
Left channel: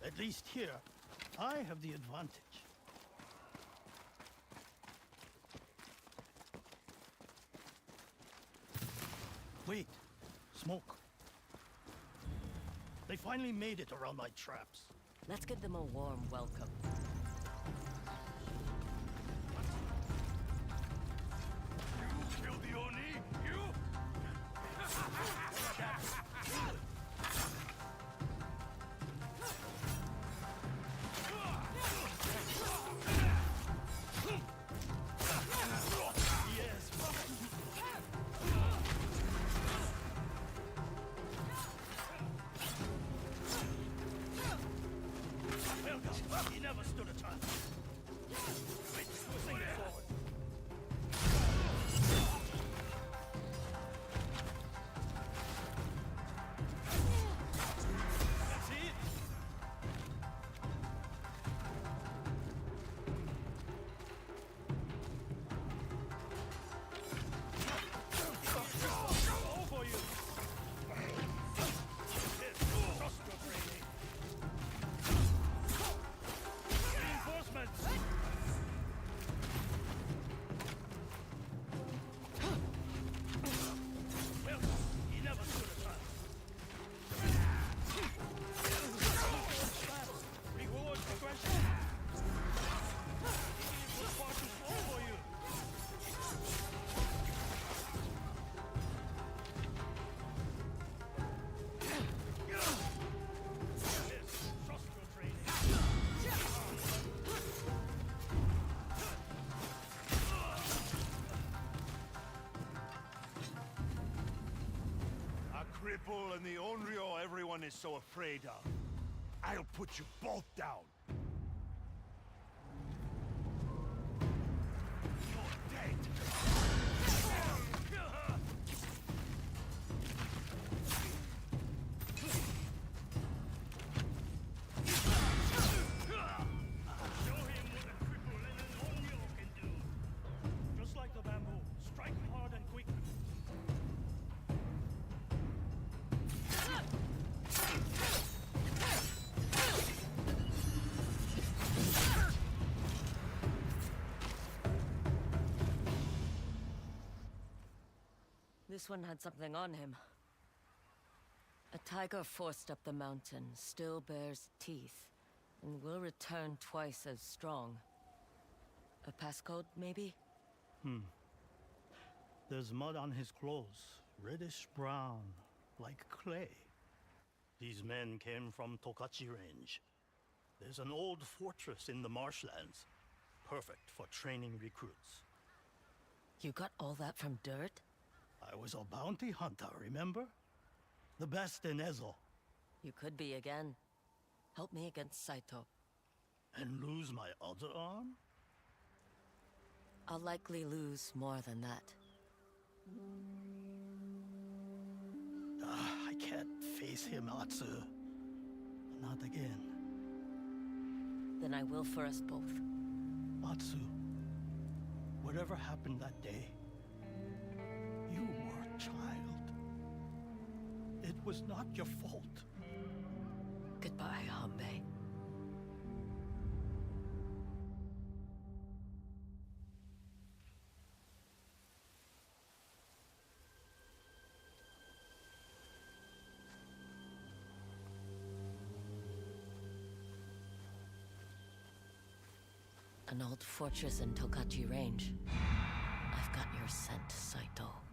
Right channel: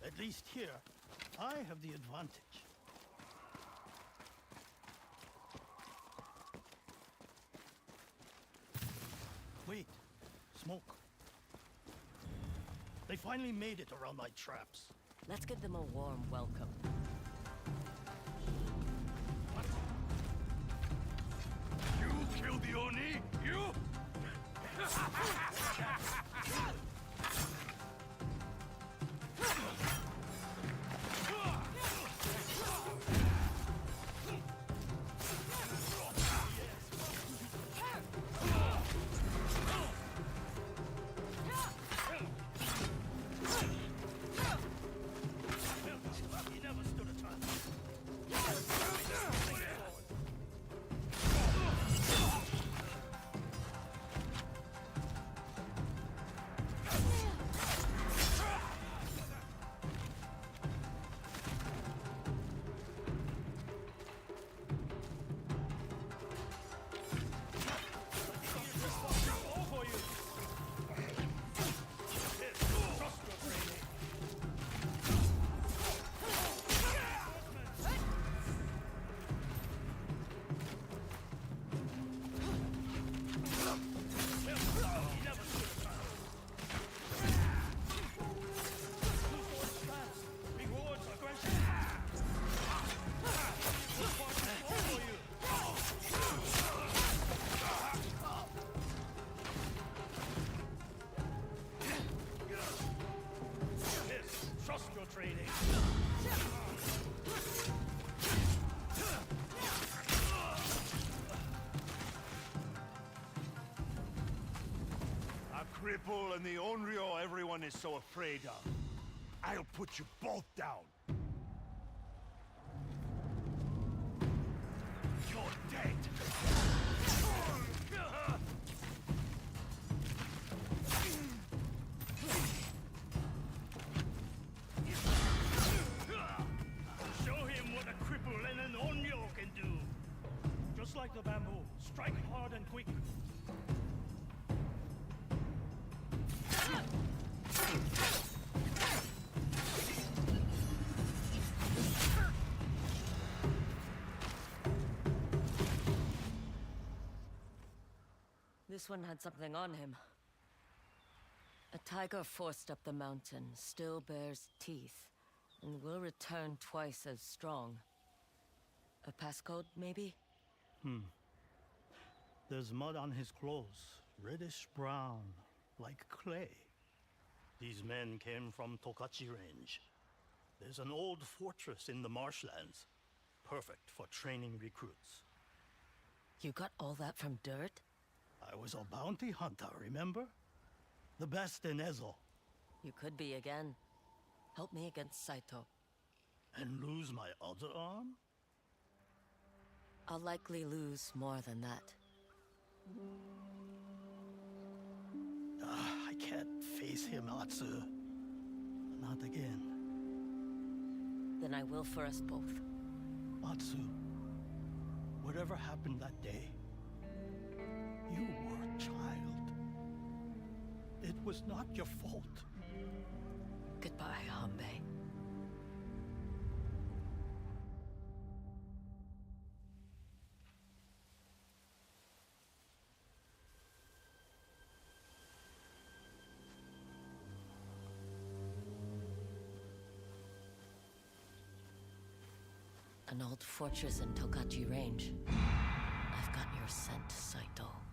At least here, I have the advantage. Wait, smoke. They finally made it around my traps. Let's give them a warm welcome. You killed the Oni? You? He never stood a chance. Cripple and the Onryo everyone is so afraid of. I'll put you both down. You're dead. the bamboo. Strike hard and quick. This one had something on him. A tiger forced up the mountain, still bears teeth, and will return twice as strong. A passcode, maybe? There's mud on his clothes, reddish brown, like clay. These men came from Tokachi Range. There's an old fortress in the marshlands, perfect for training recruits. You got all that from dirt? I was a bounty hunter, remember? The best in Ezo. You could be again. Help me against Saito. And lose my other arm? I'll likely lose more than that. I can't face him, Atsu. Not again. Then I will for us both. Atsu, whatever happened that day, you were a child. It was not your fault. Goodbye, Hanbei. An old fortress in Tokachi Range. I've got your scent, Saito.